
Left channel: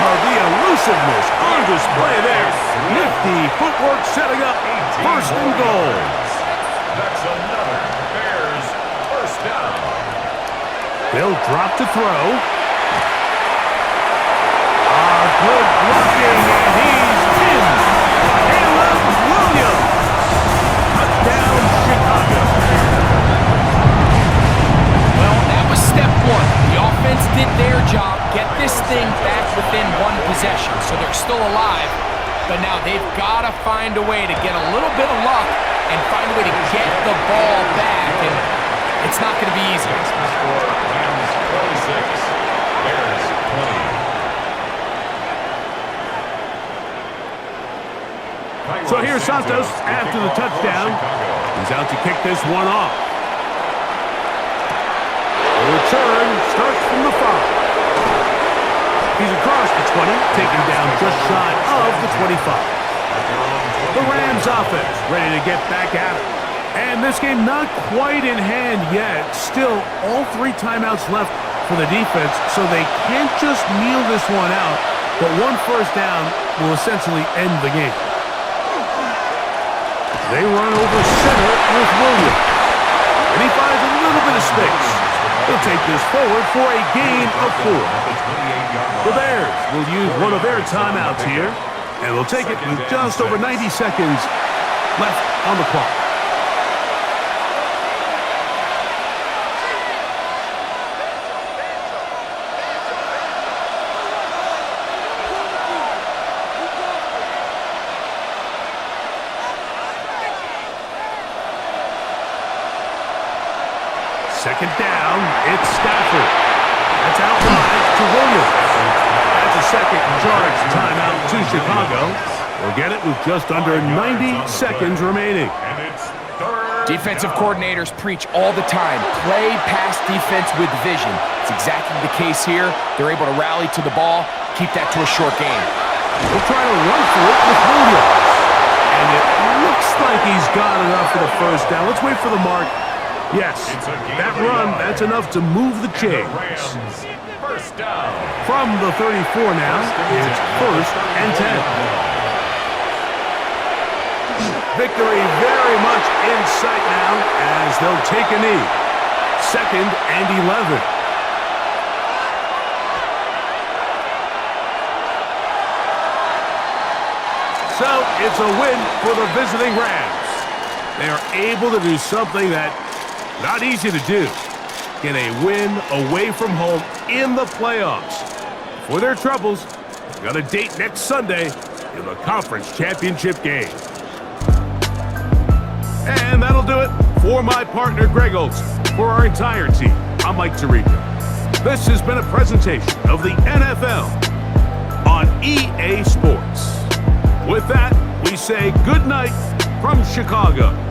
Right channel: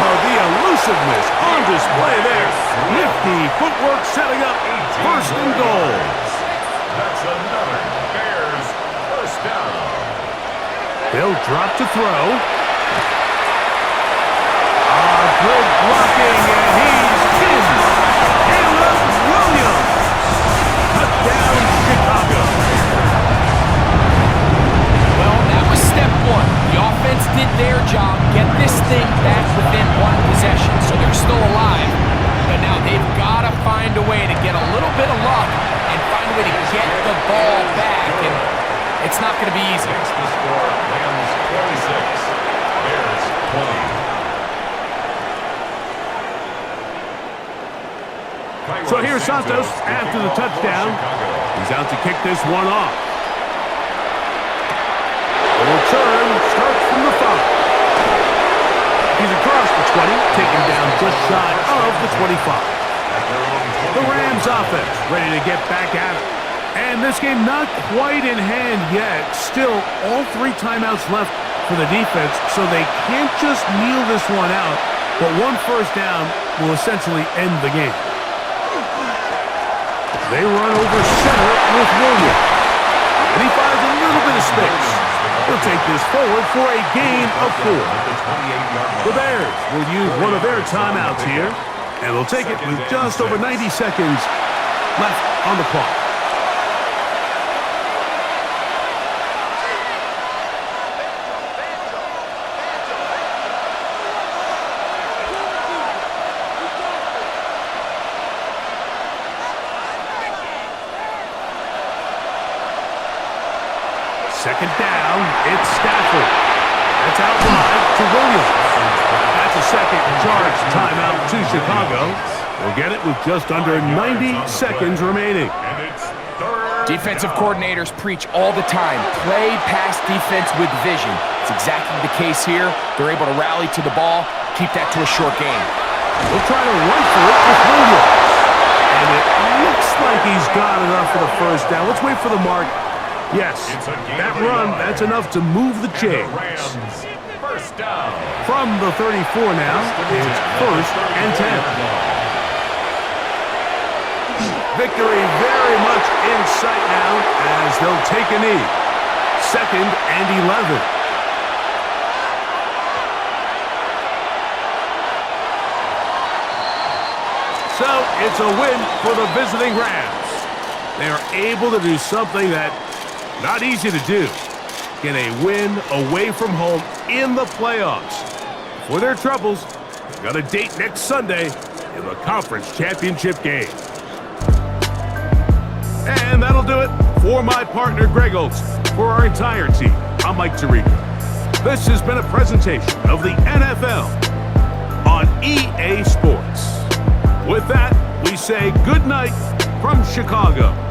The elusiveness on display there. Nifty footwork setting up first and goal. That's another Bears first down. They'll drop to throw. Good blocking, and he's in. Caleb Williams. Touchdown, Chicago. Well, that was step 1. The offense did their job, get this thing back within 1 possession, so they're still alive. But now they've got to find a way to get a little bit of luck and find a way to get the ball back, and it's not going to be easy. Makes the score Rams 26, Bears 20. So here's Santos after the touchdown. He's out to kick this one off. The return starts from the 5. He's across the 20, taken down just shy of the 25. The Rams offense ready to get back at it. And this game not quite in hand yet. Still, all 3 timeouts left for the defense, so they can't just kneel this one out. But 1 first down will essentially end the game. They run over center with Williams. And he finds a little bit of space. He'll take this forward for a gain of 4. The Bears will use one of their timeouts here, and they'll take it with just over 90 seconds left on the clock. Second down, it's Stafford. That's out wide to Williams. That's a second charge timeout to Chicago. We'll get it with just under 90 seconds remaining. And it's third Defensive down. coordinators preach all the time, play pass defense with vision. It's exactly the case here. They're able to rally to the ball, keep that to a short game. We'll try to run for it with Williams. And it looks like he's got enough for the first down. Let's wait for the mark. Yes, that run, that's enough to move the And the chains. Rams, first down. From the 34 now, it's first and 10. Victory very much in sight now as they'll take a knee. Second and 11. So it's a win for the visiting Rams. They are able to do something that not easy to do. Get a win away from home in the playoffs. For their troubles, they've got a date next Sunday in the conference championship game. And that'll do it for my partner, Greg Olson. For our entire team, I'm Mike Tirico. This has been a presentation of the NFL on EA Sports. With that, we say good night from Chicago.